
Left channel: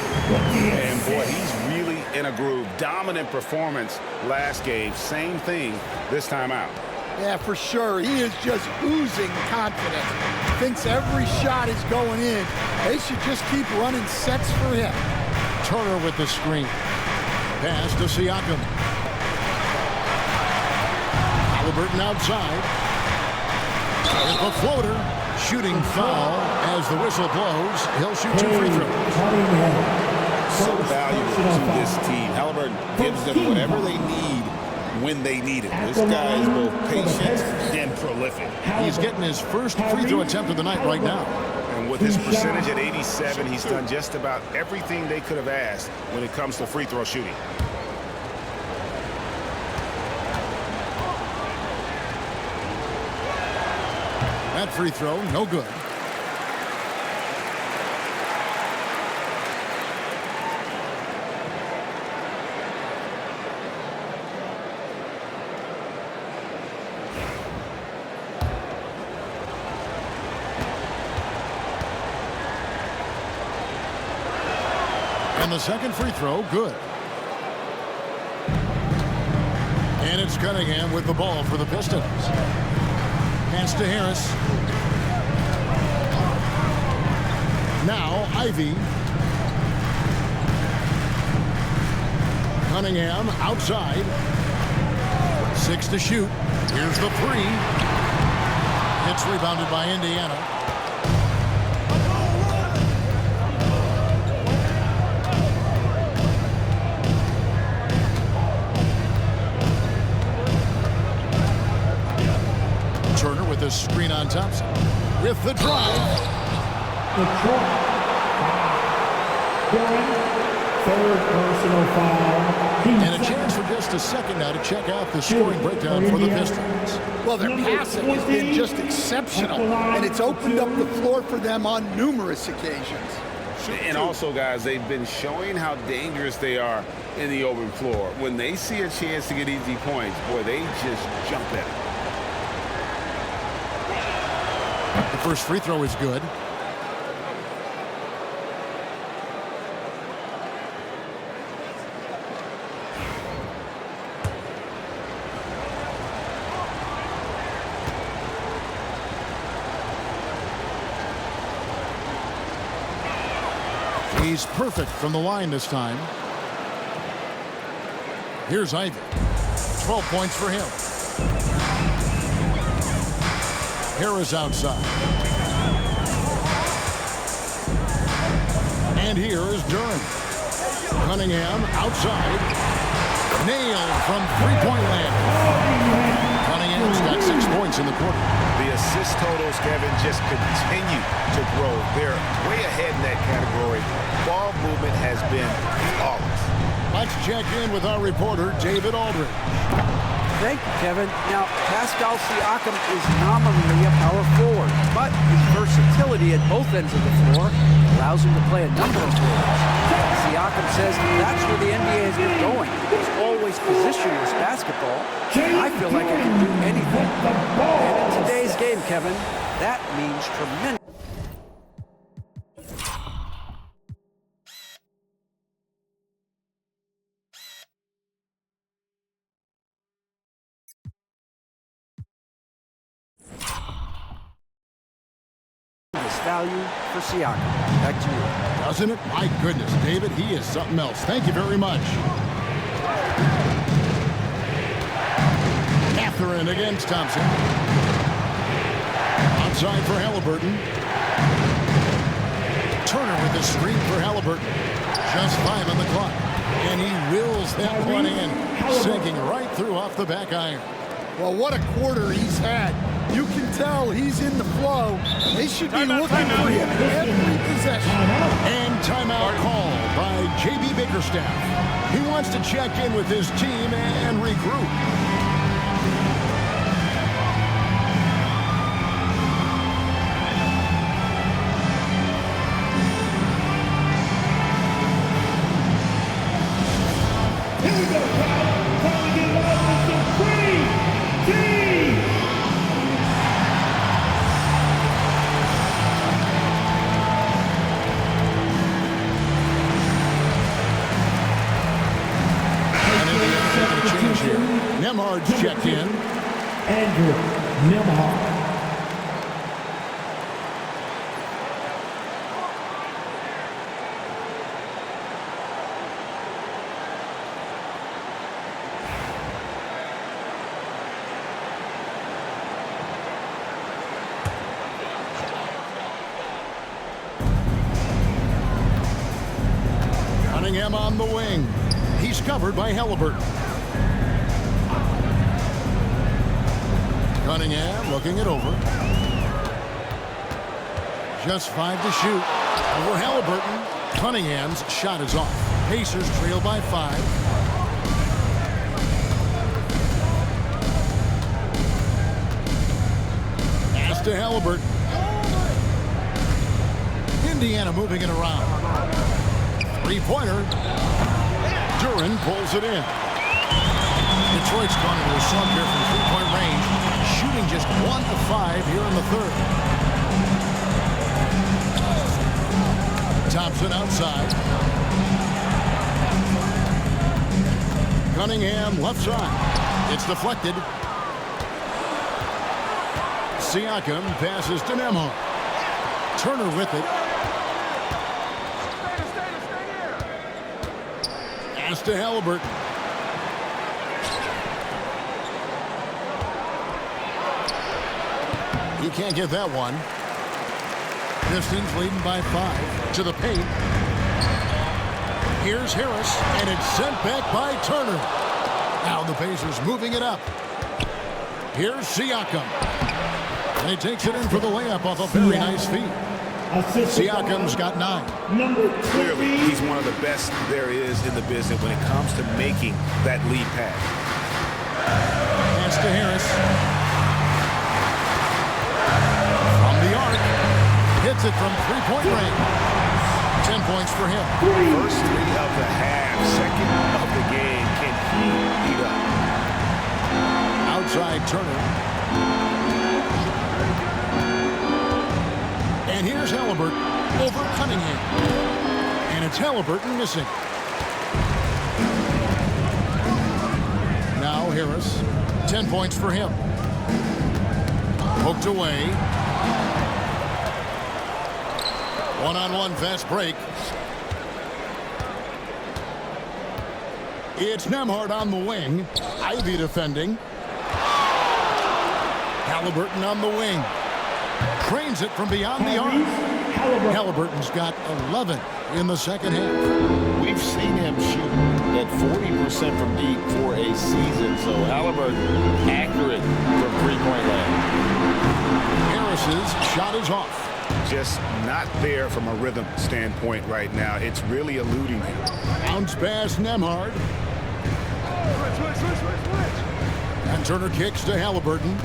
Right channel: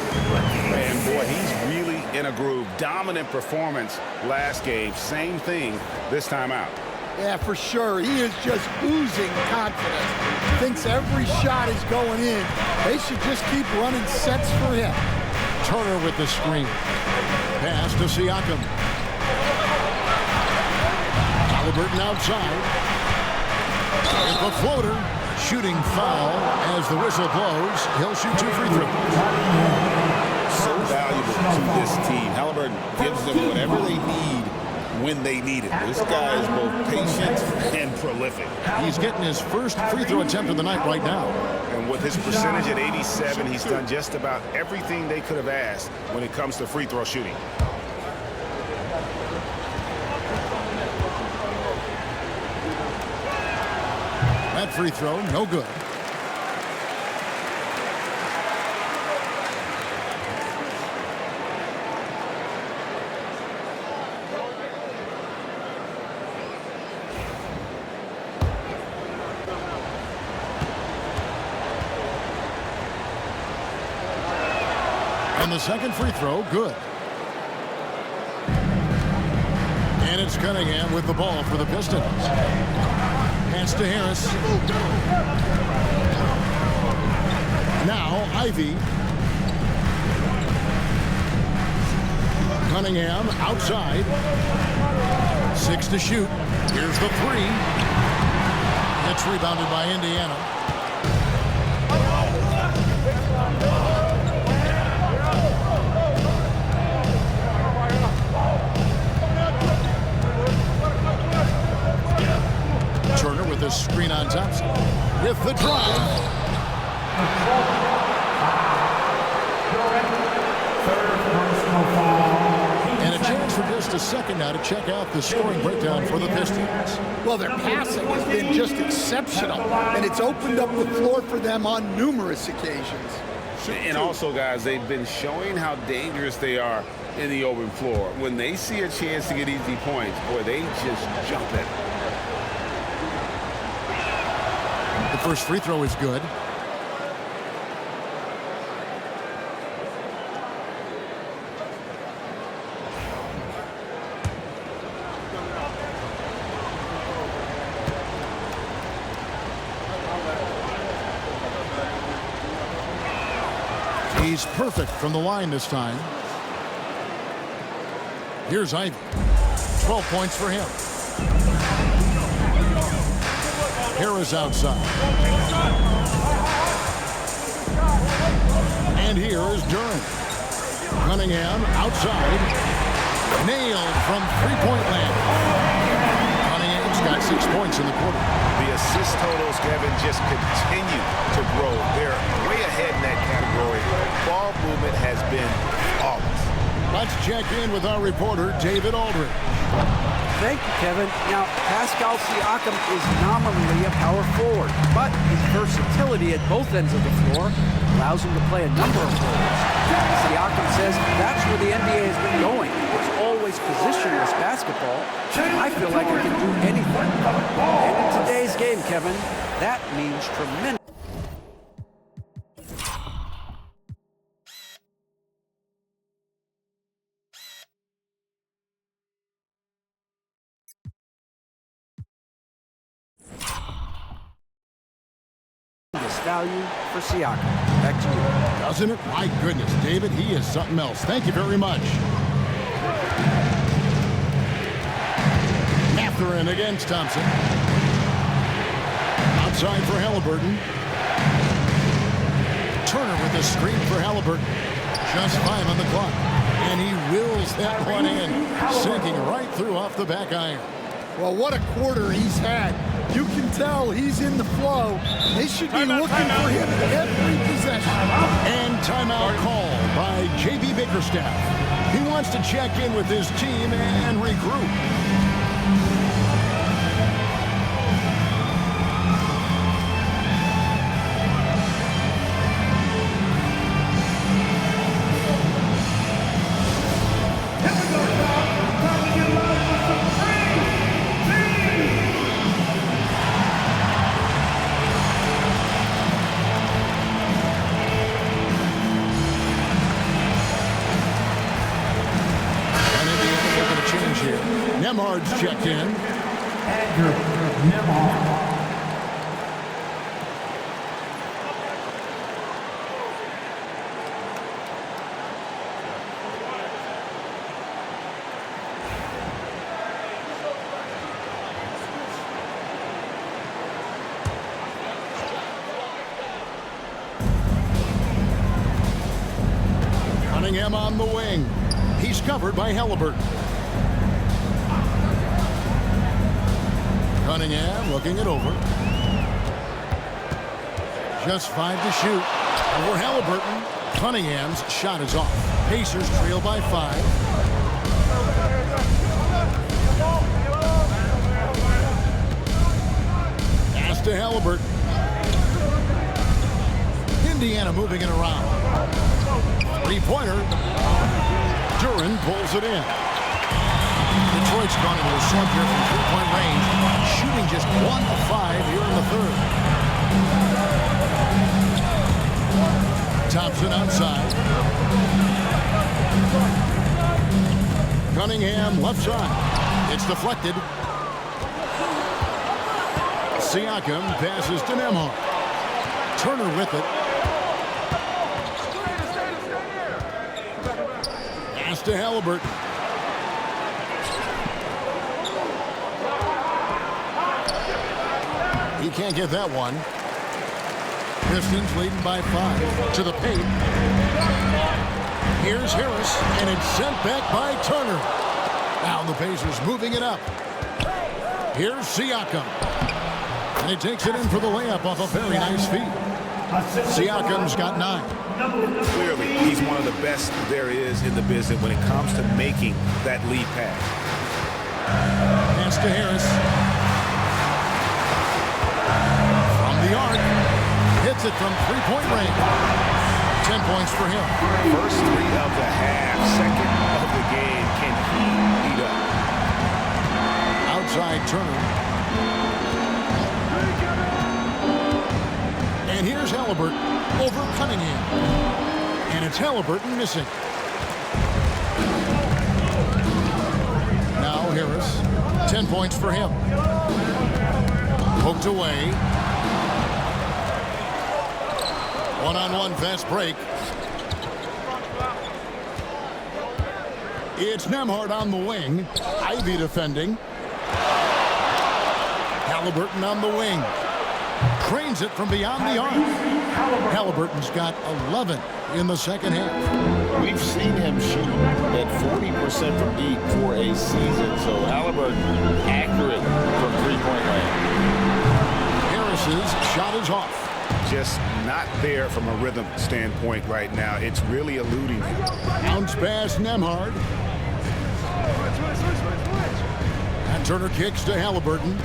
And boy, he's really in a groove. Dominant performance last game. Same thing this time out. Yeah, for sure. He is just oozing confidence. Thinks every shot is going in. They should just keep running sets for him. Turner with the screen. Pass to Siakam. Halliburton outside. With the floater. Shooting foul as the whistle blows. He'll shoot 2 free throws. So valuable to this team. Halliburton gives them whatever they need when they need it. This guy is both patient and prolific. He's getting his first free throw attempt of the night right now. And with his percentage at 87, he's done just about everything they could have asked when it comes to free throw shooting. That free throw, no good. And the second free throw, good. And it's Cunningham with the ball for the Pistons. Pass to Harris. Now Ivey. Cunningham outside. 6 to shoot. Here's the 3. It's rebounded by Indiana. Turner with a screen on Thompson. With the drive. Third personal foul. And a chance for just a second now to check out the scoring breakdown for the Pistons. Well, their passing has been just exceptional, and it's opened up the floor for them on numerous occasions. And also, guys, they've been showing how dangerous they are in the open floor. When they see a chance to get easy points, boy, they just jump at it. The first free throw is good. He's perfect from the line this time. Here's Ivey. 12 points for him. Harris outside. And here is Duran. Cunningham outside. Nailed from three-point land. Cunningham's got 6 points in the quarter. The assist totals, Kevin, just continue to grow. They're way ahead in that category. Ball movement has been flawless. Let's check in with our reporter, David Aldridge. Thank you, Kevin. Now, Pascal Siakam is nominally a power forward, but his versatility at both ends of the floor allows him to play a number of roles. Siakam says that's where the NBA has been going. It's always positionless basketball. I feel like I can do anything. And in today's game, Kevin, that means tremendous. Value for Siakam. Back to you. Doesn't it? My goodness, David, he is something else. Thank you very much. Mathurin against Thompson. Outside for Halliburton. Turner with the screen for Halliburton. Just 5 on the clock. And he wills that one in, sinking right through off the back iron. Well, what a quarter he's had. You can tell he's in the flow. They should be looking for him every possession. And timeout called by J.B. Bickerstaff. He wants to check in with his team and regroup. Nemhard's checked in. Andrew Nemhard. Cunningham on the wing. He's covered by Halliburton. Cunningham looking it over. Just 5 to shoot. Over Halliburton. Cunningham's shot is off. Pacers trail by 5. Pass to Halliburton. Indiana moving it around. 3-pointer. Duren pulls it in. Detroit's gone into a slump here from 3-point range, shooting just 1 of 5 here in the third. Thompson outside. Cunningham left side. It's deflected. Siakam passes to Nemhard. Turner with it. Pass to Halliburton. He can't get that one. Pistons leading by 5 to the paint. Here's Harris, and it's sent back by Turner. Now the Pacers moving it up. Here's Siakam. And he takes it in for the layup off a very nice feed. Siakam's got 9. Clearly, he's one of the best there is in the business when it comes to making that lead pass. Pass to Harris. The arc, hits it from 3-point range. 10 points for him. First 3 of the half, second of the game. Can he beat up? Outside Turner. And here's Halliburton over Cunningham. And it's Halliburton missing. Now Harris. 10 points for him. Poked away. One-on-one fast break. It's Nemhard on the wing. Ivey defending. Halliburton on the wing. Cranes it from beyond the arc. Halliburton's got 11 in the second half. We've seen him shoot at 40% from deep for a season, so Halliburton accurate from 3-point land. Harris's shot is off. Just not there from a rhythm standpoint right now. It's really eluding him. Bounce pass Nemhard. Switch. And Turner kicks to Halliburton.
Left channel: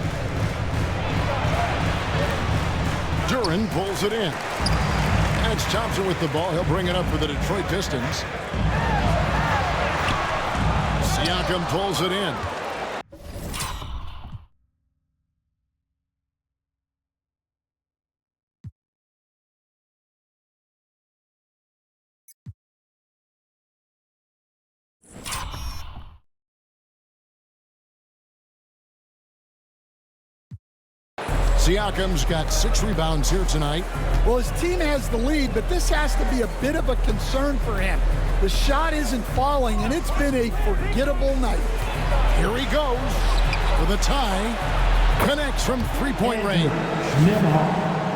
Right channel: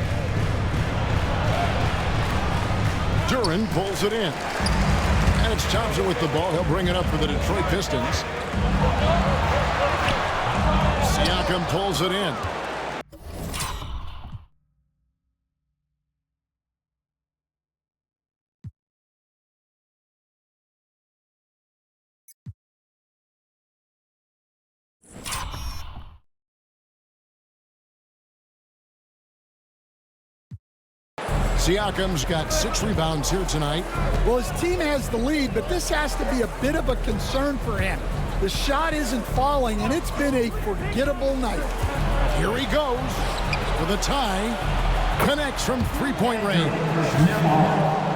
Duren pulls it in. And it's Thompson with the ball. He'll bring it up for the Detroit Pistons. Siakam pulls it in. Siakam's got 6 rebounds here tonight. Well, his team has the lead, but this has to be a bit of a concern for him. The shot isn't falling, and it's been a forgettable night. Here he goes with a tie. Connects from 3-point range.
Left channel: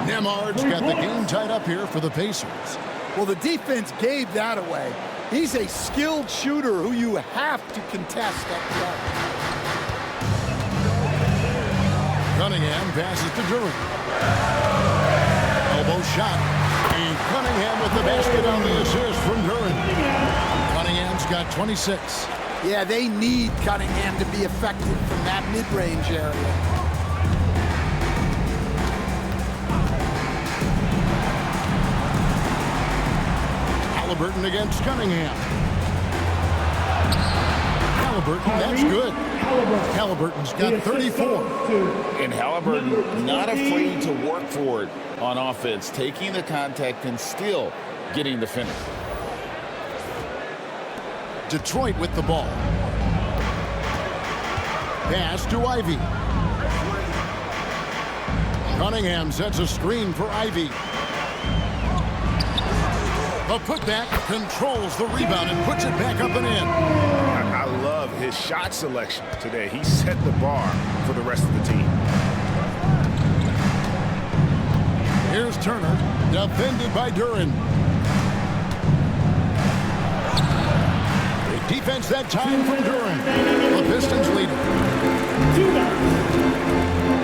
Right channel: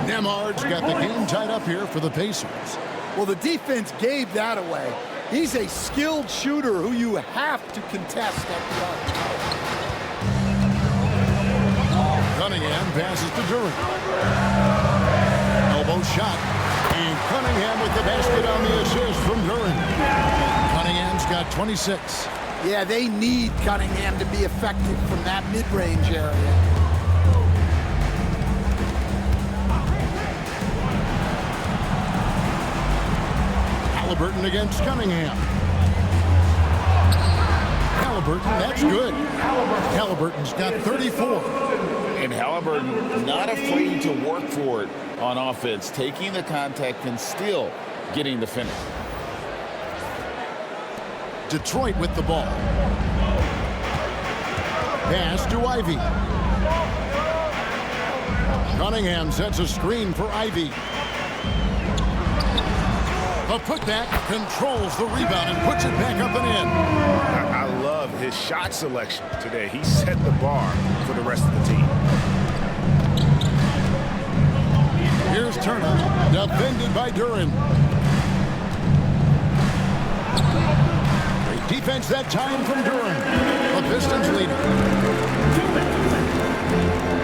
Nemhard's got the game tied up here for the Pacers. Well, the defense gave that away. He's a skilled shooter who you have to contest at the arc. Cunningham passes to Duren. Elbow shot. And Cunningham with the basket on the assist from Duren. Cunningham's got 26. Yeah, they need Cunningham to be effective from that mid-range area. Halliburton against Cunningham. Halliburton, that's good. Halliburton's got 34. And Halliburton not afraid to work for it on offense, taking the contact and still getting the finish. Detroit with the ball. Pass to Ivey. Cunningham sets a screen for Ivey. The putback controls the rebound and puts it back up and in. I love his shot selection today. He set the bar for the rest of the team. Here's Turner, defended by Duren. Great defense that time from Duren. The Pistons leading.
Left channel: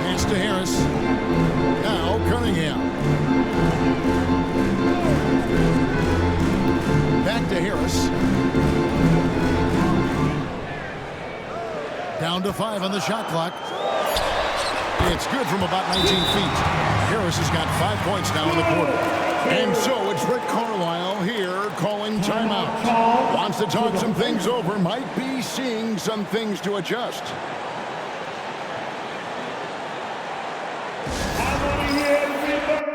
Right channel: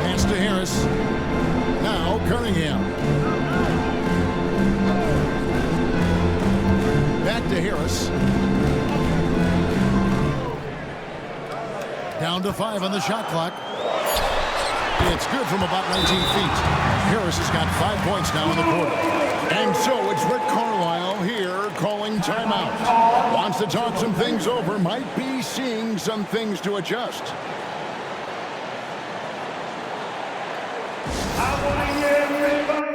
Pass to Harris. Now Cunningham. Back to Harris. Down to 5 on the shot clock. It's good from about 19 feet. Harris has got 5 points now in the quarter. And so it's Rick Carlisle here calling timeout. Wants to talk some things over. Might be seeing some things to adjust. I want to hear everybody.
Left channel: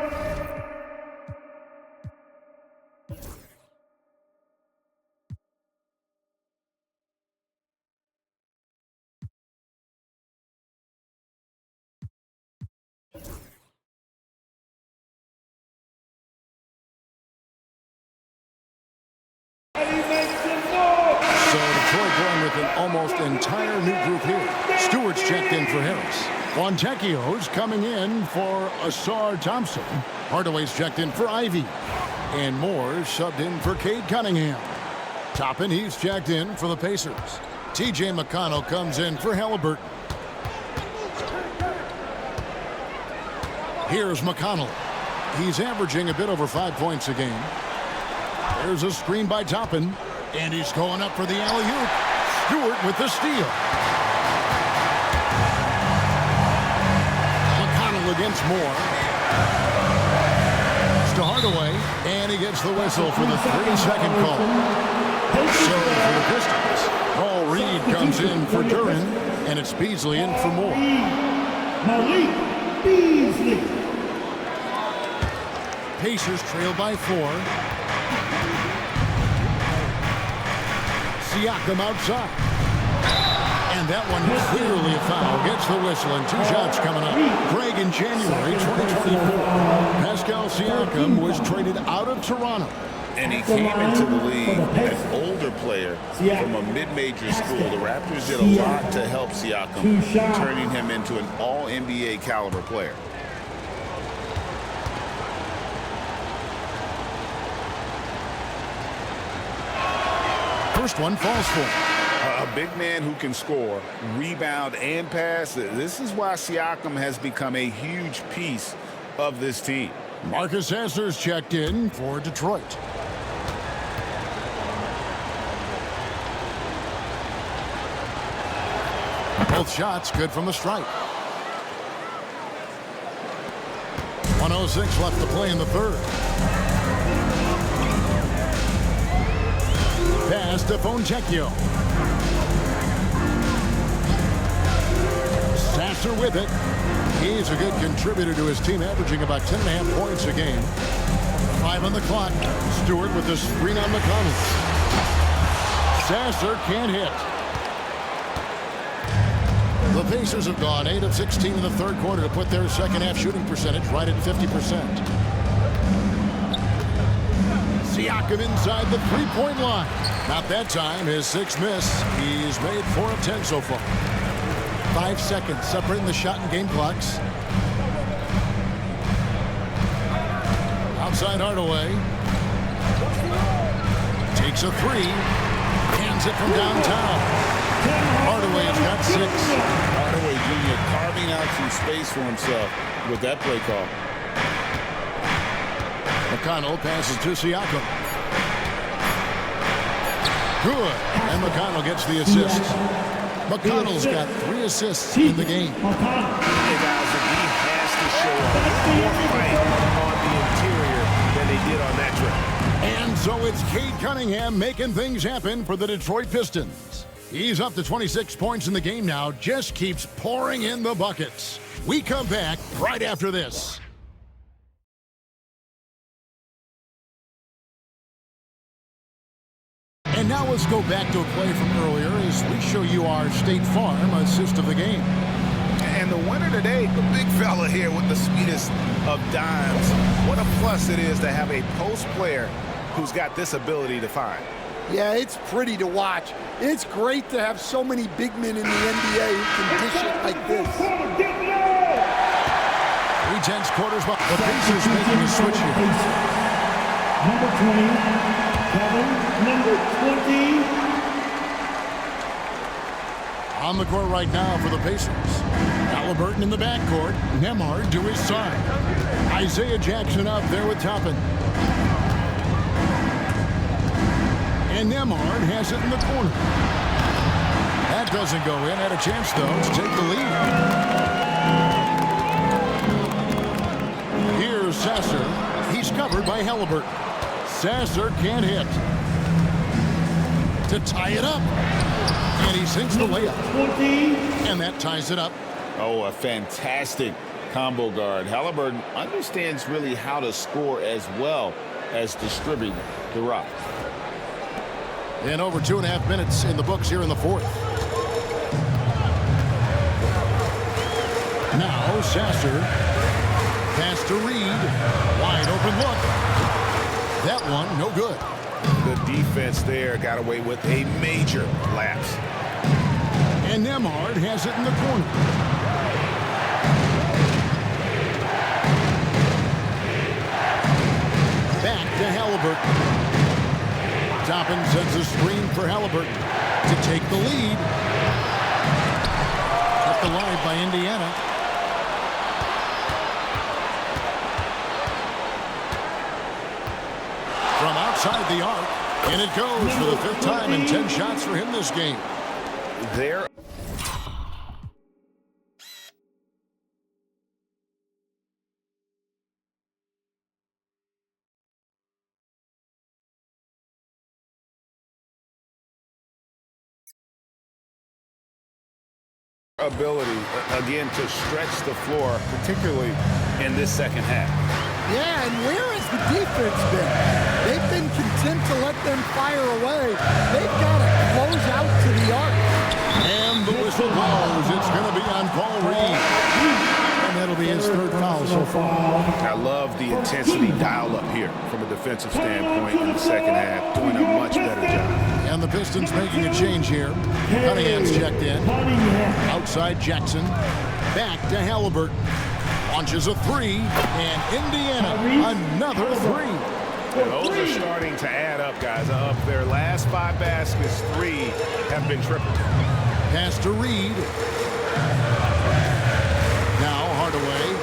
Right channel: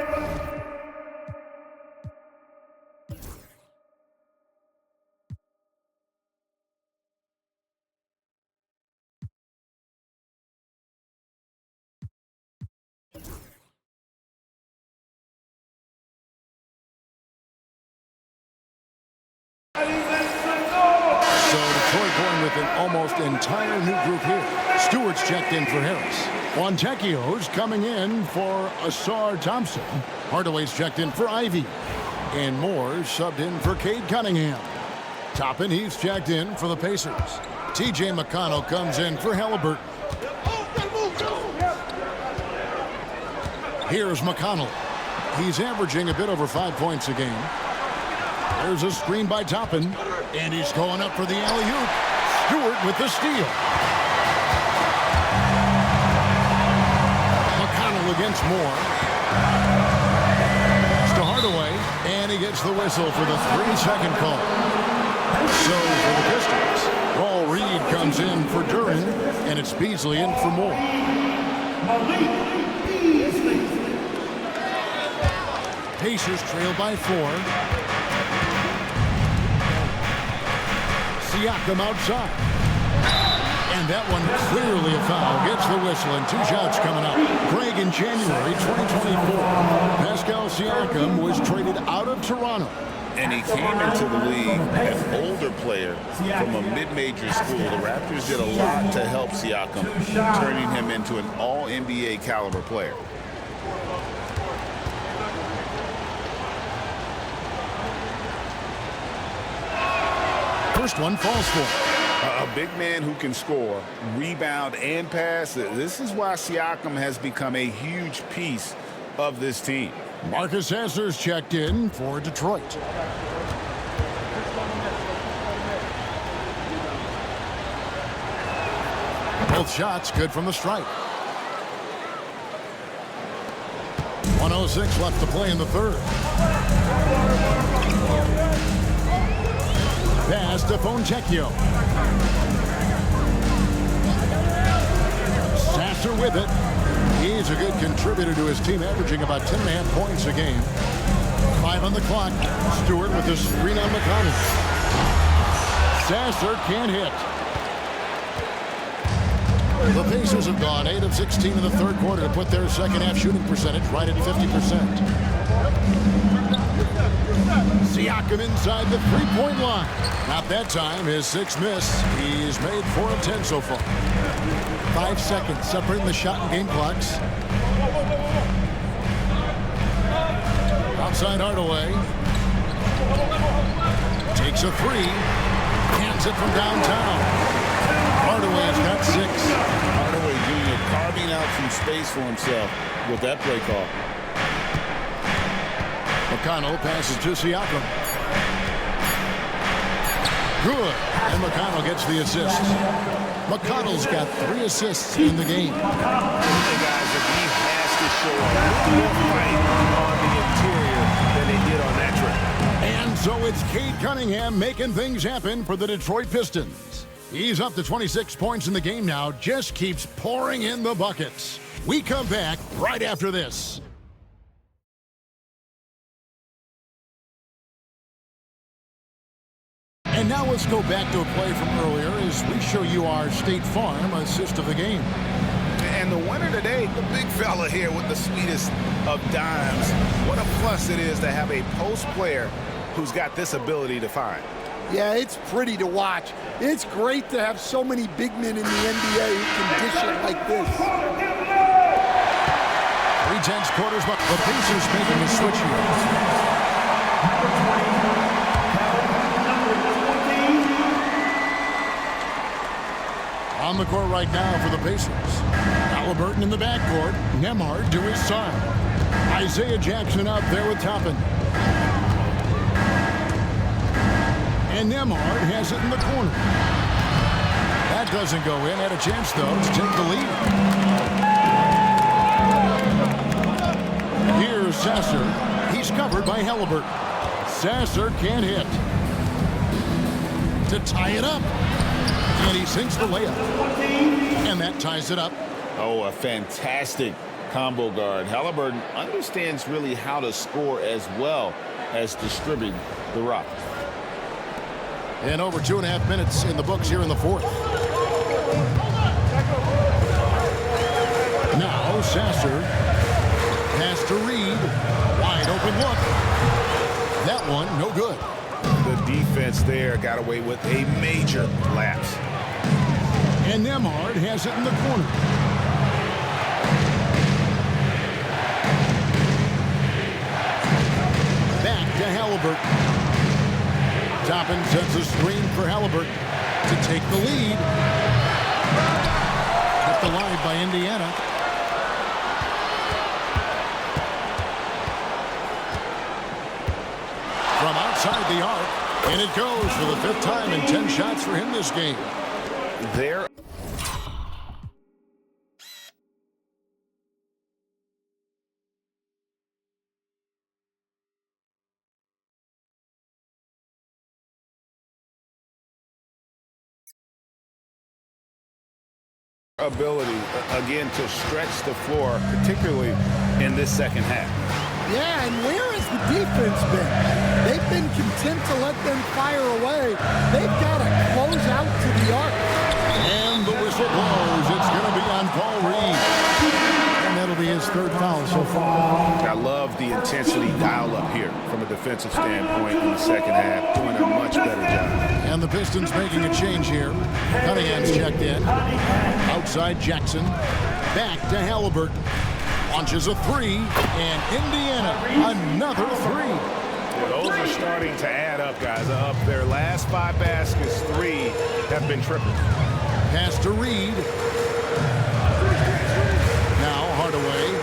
So Detroit going with an almost entire new group here. Stewart's checked in for Harris. Fontecchio's coming in for Asar Thompson. Hardaway's checked in for Ivey. And Moore's subbed in for Cade Cunningham. Toppin, he's checked in for the Pacers. TJ McConnell comes in for Halliburton. Here's McConnell. He's averaging a bit over 5 points a game. There's a screen by Toppin, and he's going up for the alley-oop. Stewart with the steal. McConnell against Moore. It's to Hardaway, and he gets the whistle for the 3-second call. So for the Pistons, Paul Reed comes in for Duren, and it's Beasley in for Moore. Malik Beasley. Pacers trail by 4. Siakam outside. And that one clearly a foul. Gets the whistle and 2 shots coming up. Greg, in January 2024, Pascal Siakam was traded out of Toronto. And he came into the league an older player from a mid-major school. The Raptors did a lot to help Siakam, turning him into an all-NBA caliber player. First one falls for him. A big man who can score, rebound, and pass. This is why Siakam has become a huge piece of this team. Marcus Sasser's checked in for Detroit. Both shots good from the stripe. 1:06 left to play in the third. Pass to Fontecchio. Sasser with it. He's a good contributor to his team, averaging about 10.5 points a game. 5 on the clock. Stewart with the screen on McConnell. Sasser can't hit. The Pacers have gone 8 of 16 in the third quarter to put their second half shooting percentage right at 50%. Siakam inside the three-point line. Not that time. His 6th miss. He's made 4 of 10 so far. 5 seconds separating the shot and game clocks. Outside Hardaway. Takes a three. Hands it from downtown. Hardaway has got 6. Hardaway Jr. carving out some space for himself with that play call. McConnell passes to Siakam. Good. And McConnell gets the assist. McConnell's got 3 assists in the game. Hey, guys, if he has to show a little more fight on the interior than they did on that trip. And so it's Cade Cunningham making things happen for the Detroit Pistons. He's up to 26 points in the game now, just keeps pouring in the buckets. We come back right after this. And now let's go back to a play from earlier as we show you our State Farm assist of the game. And the winner today, the big fella here with the sweetest of dimes. What a plus it is to have a post player who's got this ability to find. Yeah, it's pretty to watch. It's great to have so many big men in the NBA who can dish it like this. 3/10 quarters, but the Pacers making a switch here. Number 20, Kevin, number 20. On the court right now for the Pacers. Halliburton in the backcourt. Nembhard to his side. Isaiah Jackson up there with Toppin. And Nembhard has it in the corner. That doesn't go in. Had a chance, though, to take the lead. Here's Sasser. He's covered by Halliburton. Sasser can't hit. To tie it up. And he sinks the layup. And that ties it up. Oh, a fantastic combo guard. Halliburton understands really how to score as well as distribute the rock. And over 2.5 minutes in the books here in the fourth. Now Sasser. Pass to Reed. Wide open look. That one, no good. The defense there got away with a major lapse. And Nembhard has it in the corner. Back to Halliburton. Toppin sets a screen for Halliburton to take the lead. Kept alive by Indiana. From outside the arc, and it goes for the 5th time in 10 shots for him this game. There. Ability, again, to stretch the floor, particularly in this second half. Yeah, and where has the defense been? They've been content to let them fire away. They've got to close out to the arc. And the whistle blows. It's going to be on Paul Reed. And that'll be his 3rd foul so far. I love the intensity dial up here from a defensive standpoint in the second half, doing a much better job. And the Pistons making a change here. Cunningham's checked in. Outside Jackson. Back to Halliburton. Launches a 3, and Indiana another 3. Yeah, those are starting to add up, guys. Up their last 5 baskets, 3 have been triples. Pass to Reed. Now Hardaway.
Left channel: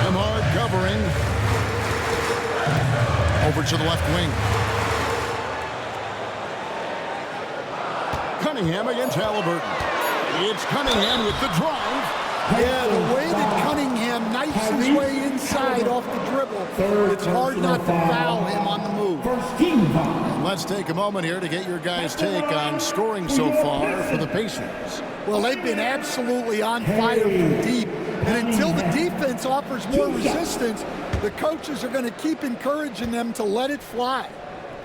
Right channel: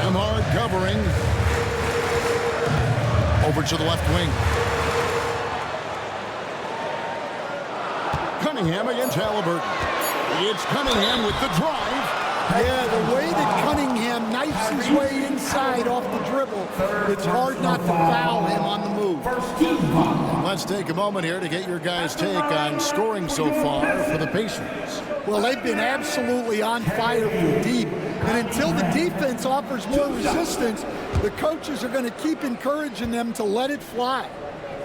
Nembhard covering. Over to the left wing. Cunningham against Halliburton. It's Cunningham with the drive. Yeah, the way that Cunningham knifes his way inside off the dribble, it's hard not to foul him on the move. And let's take a moment here to get your guys' take on scoring so far for the Pacers. Well, they've been absolutely on fire from deep. And until the defense offers more resistance, the coaches are going to keep encouraging them to let it fly.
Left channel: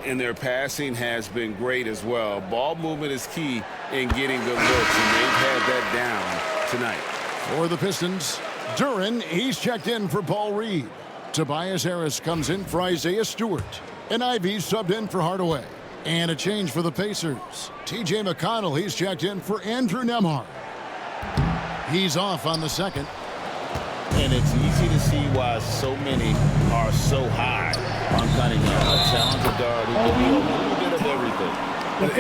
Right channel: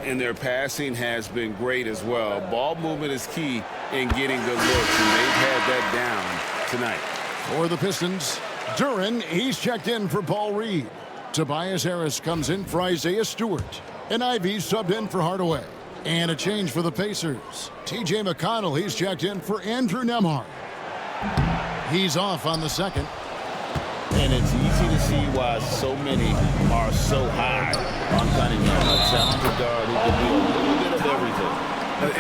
And their passing has been great as well. Ball movement is key in getting good looks, and they've had that down tonight. For the Pistons, Duren, he's checked in for Paul Reed. Tobias Harris comes in for Isaiah Stewart. And Ivey subbed in for Hardaway. And a change for the Pacers. TJ McConnell, he's checked in for Andrew Nembhard. He's off on the second. And it's easy to see why so many are so high on Cunningham, a talented guard who can do a little bit of everything.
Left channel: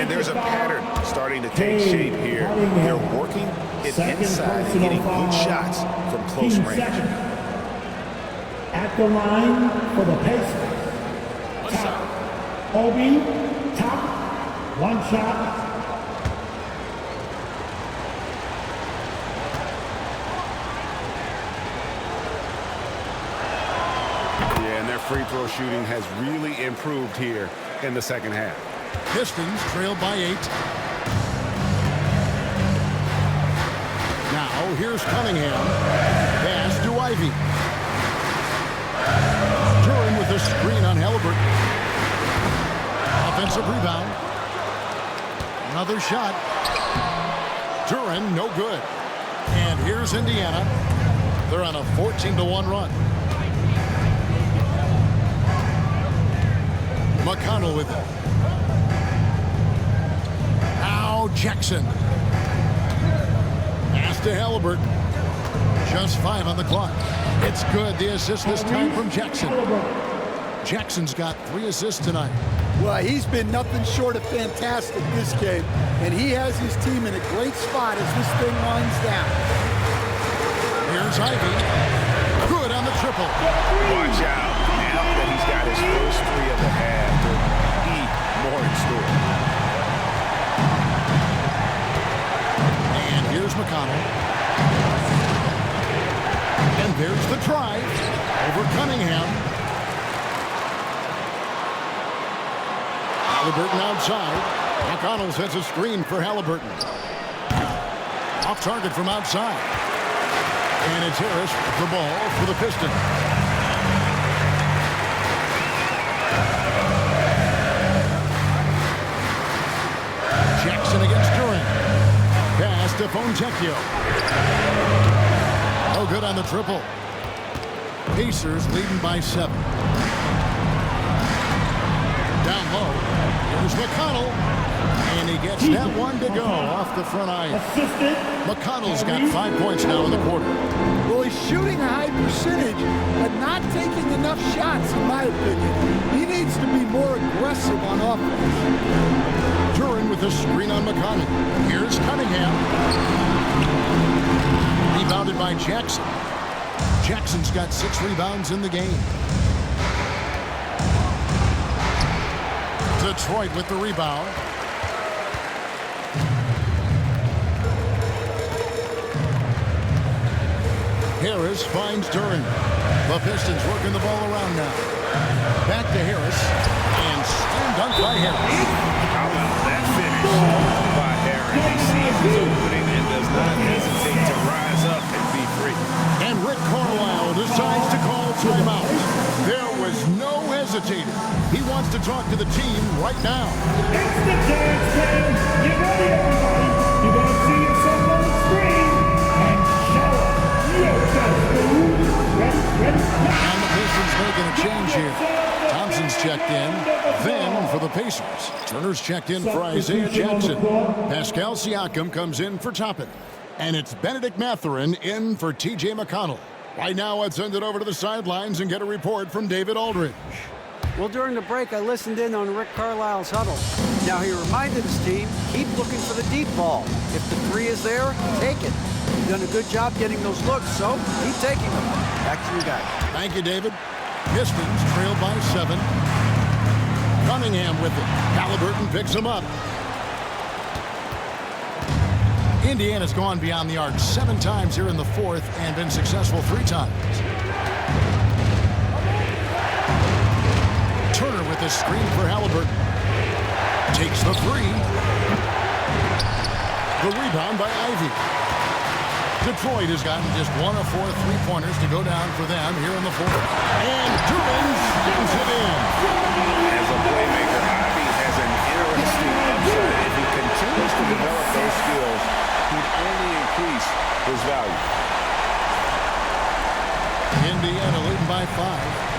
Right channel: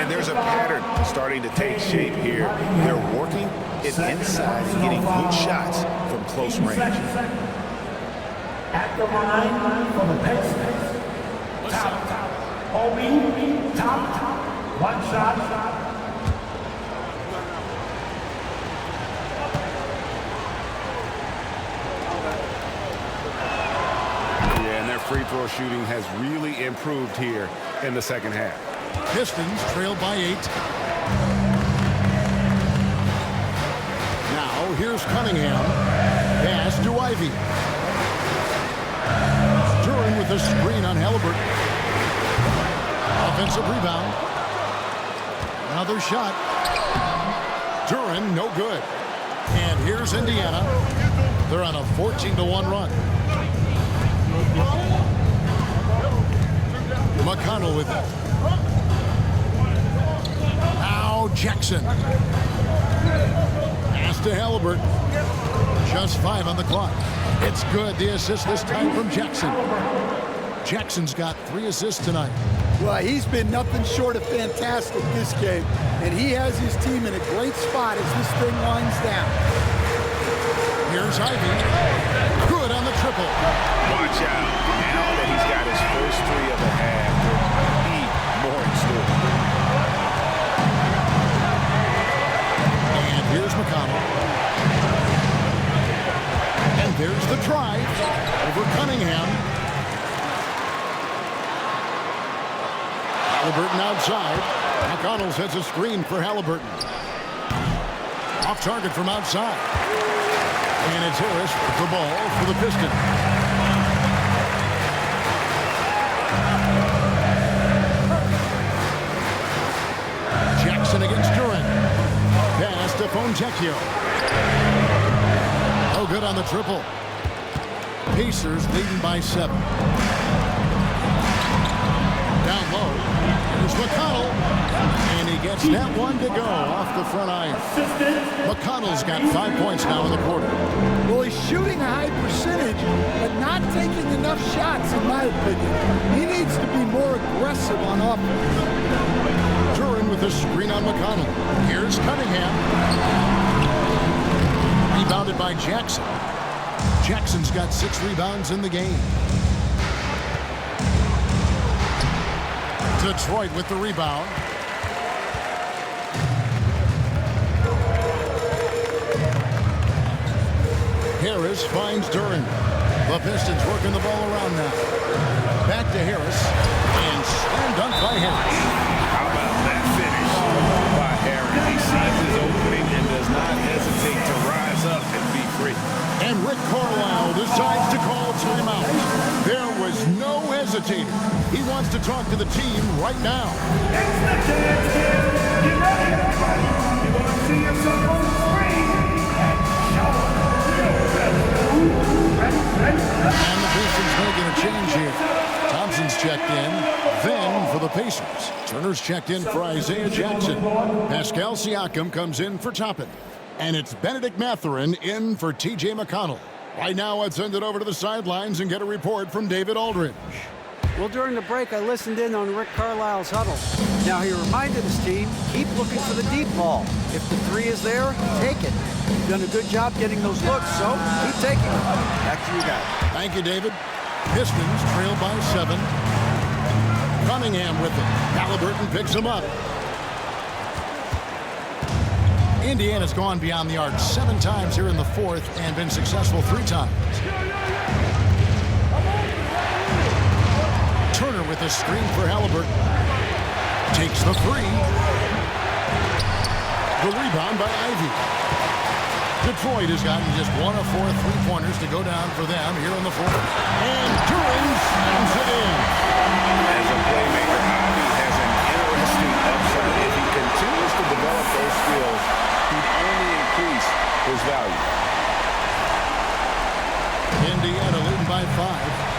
And there's a pattern starting to take shape here. They're working it inside and getting good shots from close range. At the line for the PACERS. Top. Obi, top. 1 shot. Yeah, and their free throw shooting has really improved here in the second half. Pistons trail by 8. Now here's Cunningham. Pass to Ivey. Duren with a screen on Halliburton. Offensive rebound. Another shot. Duren, no good. And here's Indiana. They're on a 14-1 run. McConnell with it. Now Jackson. Pass to Halliburton. Just 5 on the clock. It's good. The assist this time from Jackson. Jackson's got 3 assists tonight. Well, he's been nothing short of fantastic this game, and he has his team in a great spot as this thing winds down. Here's Ivey. Good on the triple. Watch out. Now that he's got his first 3 of the half, there might be more in store. And here's McConnell. And there's the drive over Cunningham. Halliburton outside. McConnell sets a screen for Halliburton. Off target from outside. And it's Harris with the ball for the Pistons. Jackson against Duren. Pass to Fontecchio. No good on the triple. Pacers leading by 7. Down low. Here's McConnell. And he gets that one to go off the front iron. McConnell's got 5 points now in the quarter. Well, he's shooting a high percentage, but not taking enough shots, in my opinion. He needs to be more aggressive on offense. Duren with a screen on McConnell. Here's Cunningham. Rebounded by Jackson. Jackson's got 6 rebounds in the game. Detroit with the rebound. Harris finds Duren. The Pistons working the ball around now. Back to Harris. And slam dunk by Harris. How about that finish by Harris? He sees his opening and does not hesitate to rise up and be free. And Rick Carlisle decides to call timeout. There was no hesitating. He wants to talk to the team right now. It's the dance band. Get ready, everybody. You're going to see yourself on the screen and show your best move. Ready? And the Pistons making a change here. Thompson's checked in. Then for the Pacers, Turner's checked in for Isaiah Jackson. Pascal Siakam comes in for Toppin. And it's Benedict Mathurin in for T.J. McConnell. Right now, let's send it over to the sidelines and get a report from David Aldridge. Well, during the break, I listened in on Rick Carlisle's huddle. Now, he reminded his team, keep looking for the deep ball. If the 3 is there, take it. You've done a good job getting those looks, so keep taking them. Back to you guys. Thank you, David. Pistons trail by 7. Cunningham with it. Halliburton picks him up. Indiana's gone beyond the arc 7 times here in the 4th and been successful 3 times. Turner with a screen for Halliburton. Takes the 3. The rebound by Ivey. Detroit has gotten just 1 of 4 3-pointers to go down for them here in the 4th. And Duren slams it in. As a playmaker, Ivey has an interesting upside. If he continues to develop those skills, he'd only increase his value. Indiana leading by 5.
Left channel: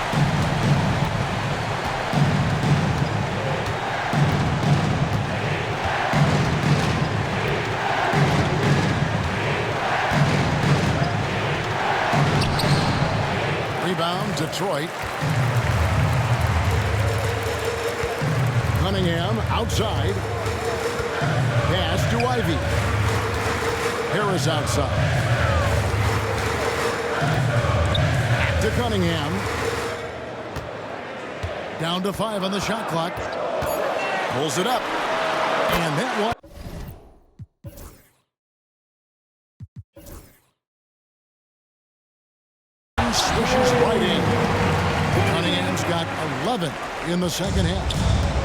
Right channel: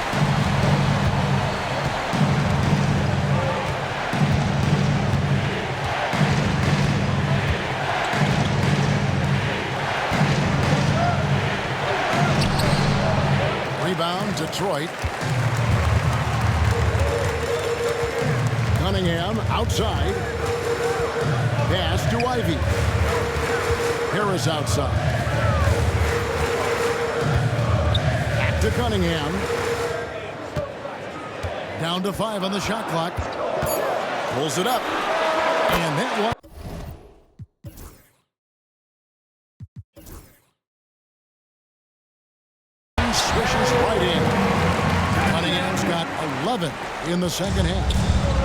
Rebound, Detroit. Cunningham outside. Pass to Ivey. Harris outside. Back to Cunningham. Down to 5 on the shot clock. Pulls it up. And that one. Swishes right in. Cunningham's got 11 in the second half.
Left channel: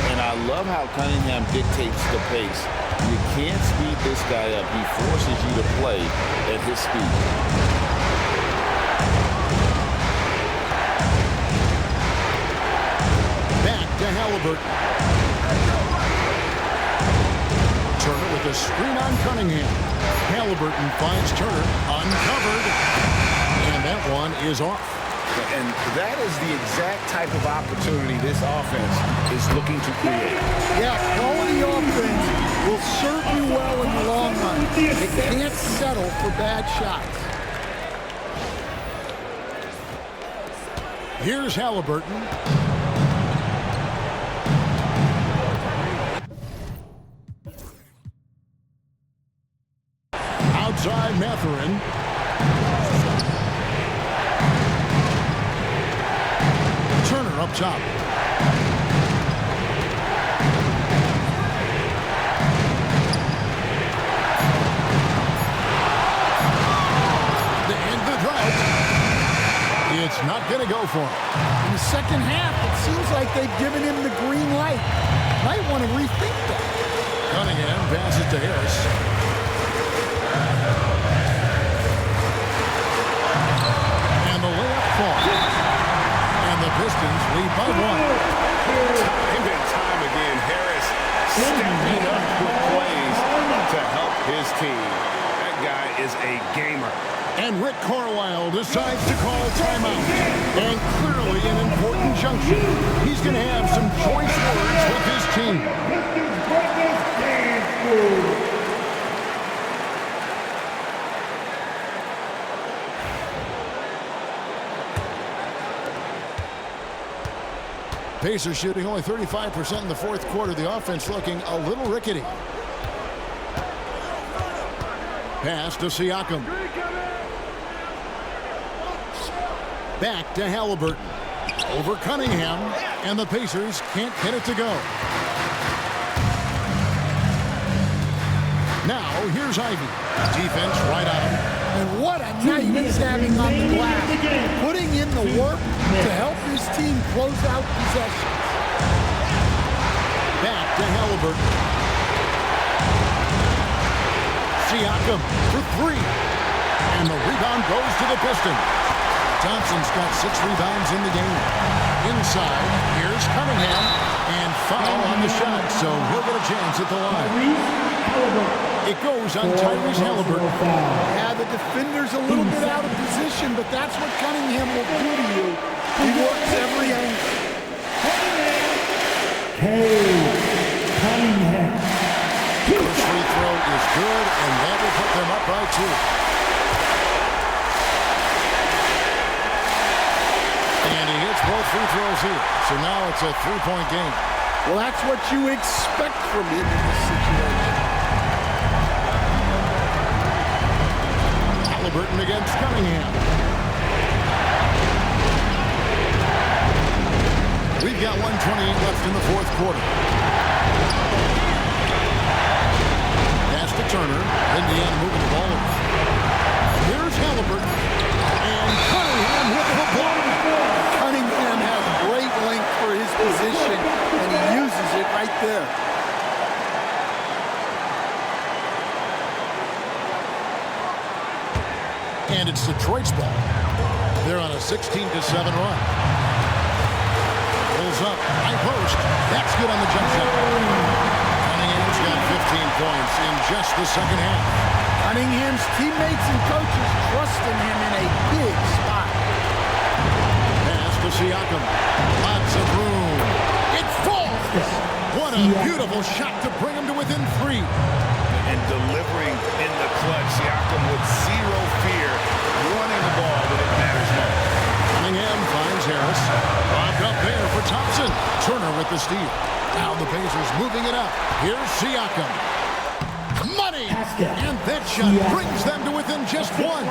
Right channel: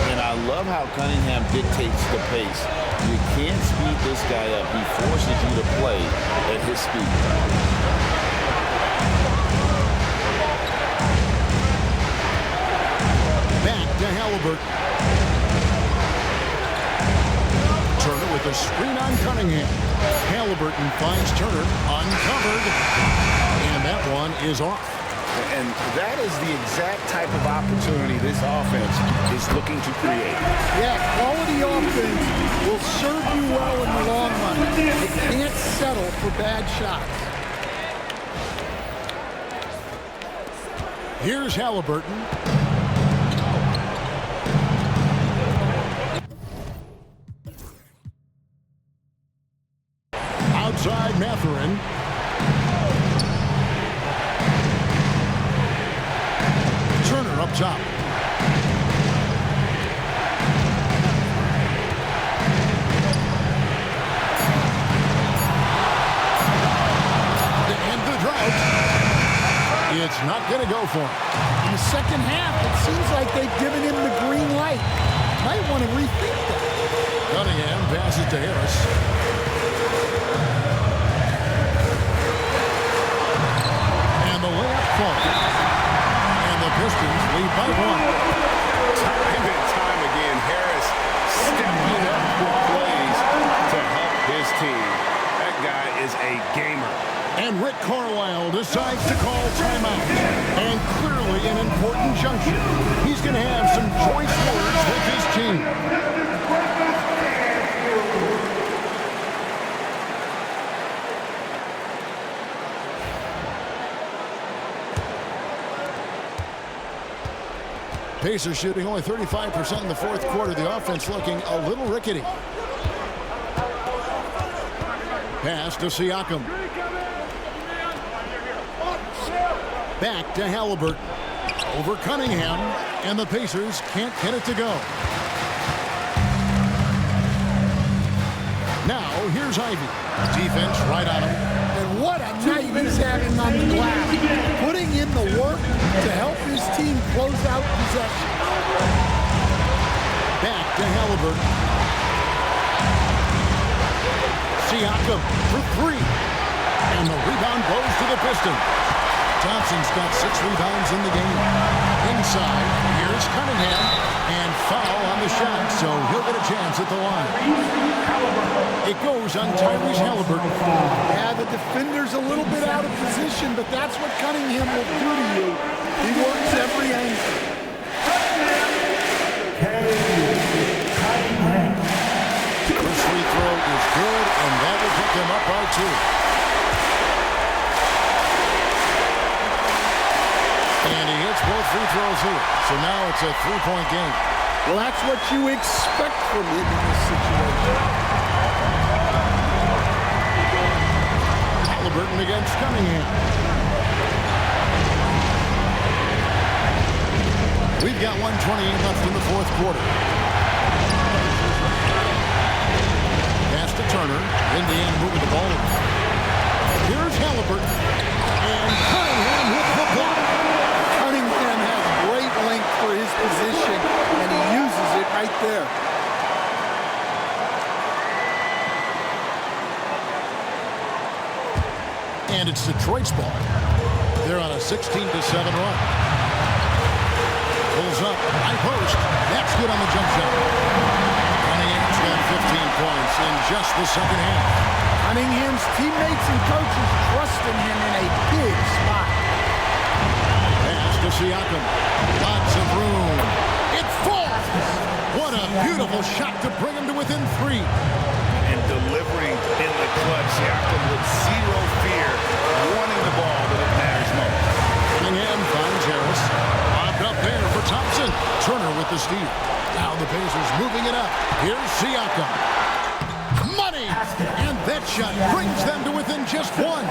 And I love how Cunningham dictates the pace. You can't speed this guy up. He forces you to play at his speed. Back to Halliburton. Turner with a screen on Cunningham. Halliburton finds Turner uncovered. And that one is off. And that is the exact type of opportunity this offense is looking to create. Yeah, quality offense will serve you well in the long run. You can't settle for bad shots. Here's Halliburton. Outside Mathurin. Turner up top. To end the drought. It's not going to go for him. In the second half, it seems like they've given him the green light. Might want to rethink that. Cunningham passes to Harris. And the layup falls. And the Pistons lead by 1. Time and time again, Harris stepping up with plays to help his team. That guy is a gamer. And Rick Carlisle decides to call timeout. And clearly an important junction. He's going to have some choice words with his team. Pacers shooting only 35% in the fourth quarter. The offense looking a little rickety. Pass to Siakam. Back to Halliburton. Over Cunningham. And the Pacers can't get it to go. Now, here's Ivey. Defense right on him. And what a night he's having on the glass. Putting in the work to help his team close out possessions. Back to Halliburton. Siakam for 3. And the rebound goes to the Pistons. Thompson's got 6 rebounds in the game. Inside, here's Cunningham. And foul on the shot, so he'll get a chance at the line. It goes on Tyrese Halliburton. Yeah, the defender's a little bit out of position, but that's what Cunningham will do to you. He works every angle. Cade Cunningham. First free throw is good, and that will put them up by 2. And he hits both free throws here. So now it's a 3-point game. Well, that's what you expect from him in this situation. Halliburton against Cunningham. We've got 1:28 left in the fourth quarter. Pass to Turner. Indiana moving the ball over. Here's Halliburton. And Cunningham with the block. Cunningham has great length for his position, and he uses it right there. And it's Detroit's ball. They're on a 16-7 run. Pulls up, high post. That's good on the jump shot. Cunningham's got 15 points in just the second half. Cunningham's teammates and coaches trust in him in a big spot. Pass to Siakam. Lots of room. It falls! What a beautiful shot to bring him to within 3. And delivering in the clutch, Siakam with zero fear, wanting the ball when it matters most. Cunningham finds Harris. Lobbed up there for Thompson. Turner with the steal. Now the Pacers moving it up. Here's Siakam. Money! And that shot brings them to within just one.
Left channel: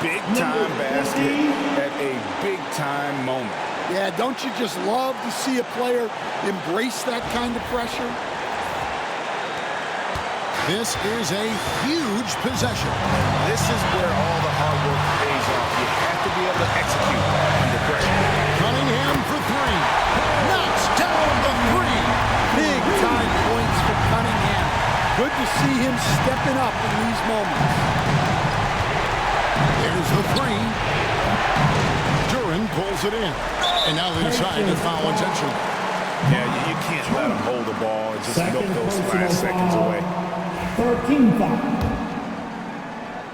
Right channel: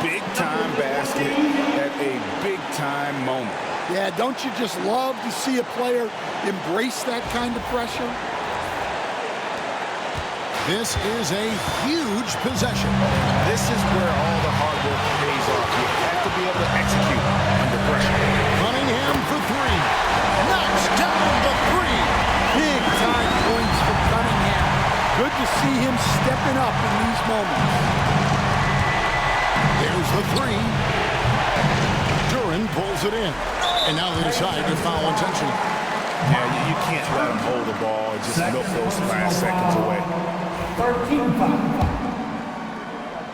Big-time basket at a big-time moment. Yeah, don't you just love to see a player embrace that kind of pressure? This is a huge possession. This is where all the hard work pays off. You have to be able to execute under pressure. Cunningham for three. Knocks down the three. Big-time points for Cunningham. Good to see him stepping up in these moments. There's the three. Duran pulls it in. And now they decide to foul intentionally. Yeah, you can't let them hold the ball and just milk those last seconds away. 13 foul.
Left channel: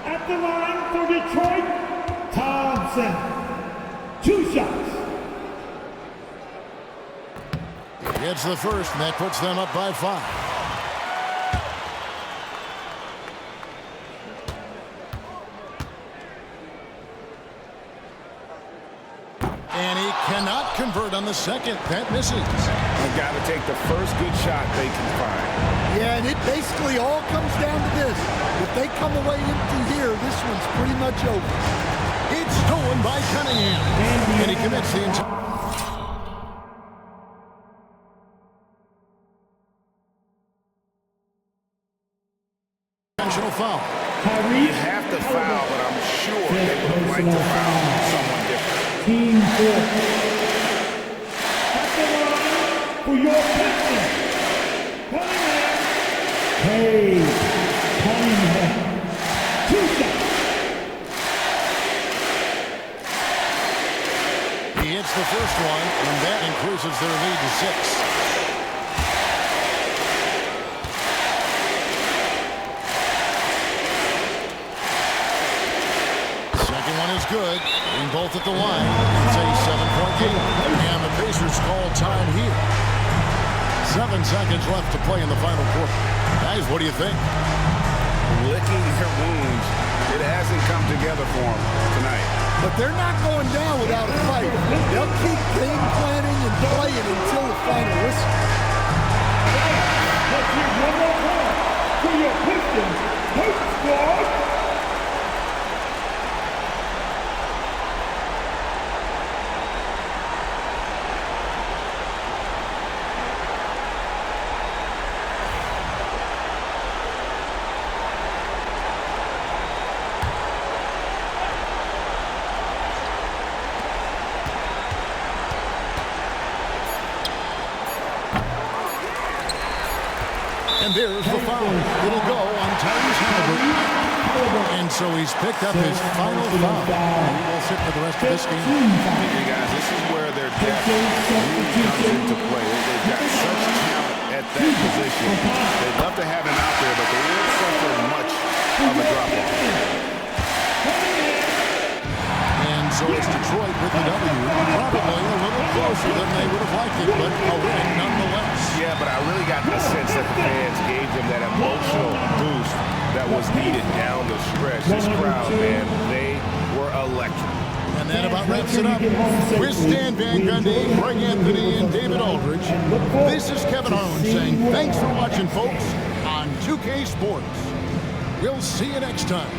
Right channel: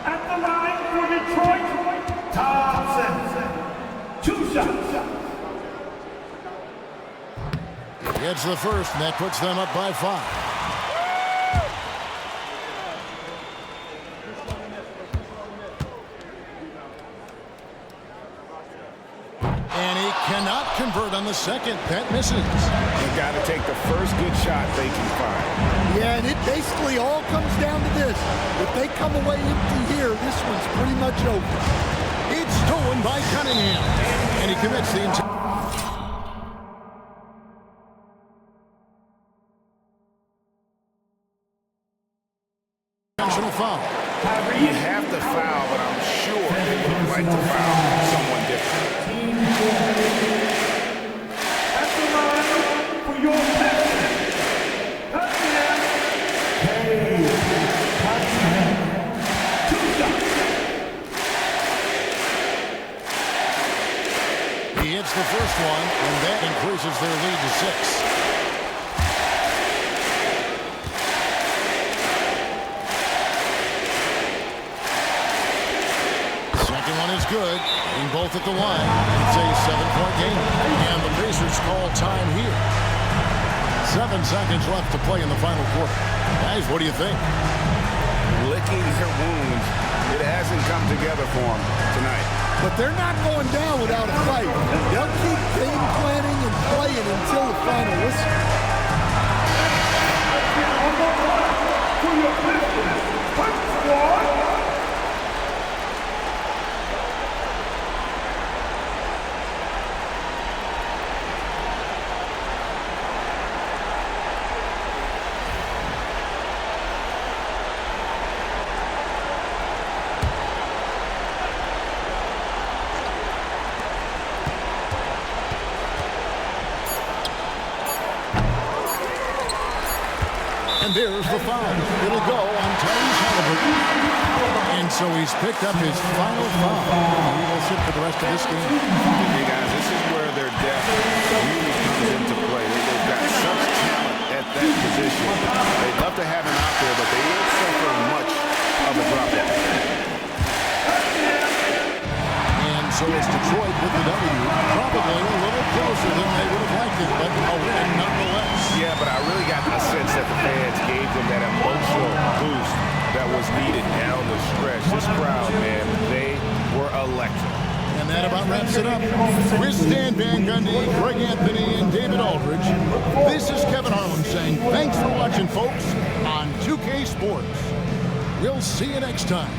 At the line for Detroit, Thompson. 2 shots. He gets the first, and that puts them up by 5. And he cannot convert on the second. That misses. They've got to take the first good shot they can find. Yeah, and it basically all comes down to this. If they come away empty here, this one's pretty much over. It's stolen by Cunningham. And he commits the intentional foul. You have to foul, but I'm sure they would have liked to foul someone different. Team 4. At the line for your Pistons, Cunningham. Cade Cunningham. 2 shots. He hits the first one, and that increases their lead to 6. Second one is good. Getting both at the line. It's a 7-point game. And the Pacers call time here. 7 seconds left to play in the final quarter. Guys, what do you think? Licking their wounds. It hasn't come together for them tonight. But they're not going down without a fight. They'll keep game planning and playing until the final whistle. Let's give one more call to your Pistons. Hurt squad. And there's the foul. It'll go on Tyrese Halliburton. And so he's picked up his final foul. And he will sit for the rest of this game. Hey guys, this is where their depth really comes into play. They've got such talent at that position. They'd love to have him out there, but they won't suffer much of a drop-off. And so it's Detroit with the W. Probably a little closer than they would have liked it, but a win nonetheless. Yeah, but I really got the sense that the fans gave them that emotional boost that was needed down the stretch. This crowd, man, they were electric. And that about wraps it up. With Stan Van Gundy, Greg Anthony, and David Aldridge, this is Kevin Harlan saying thanks for watching, folks, on 2K Sports. We'll see you next time.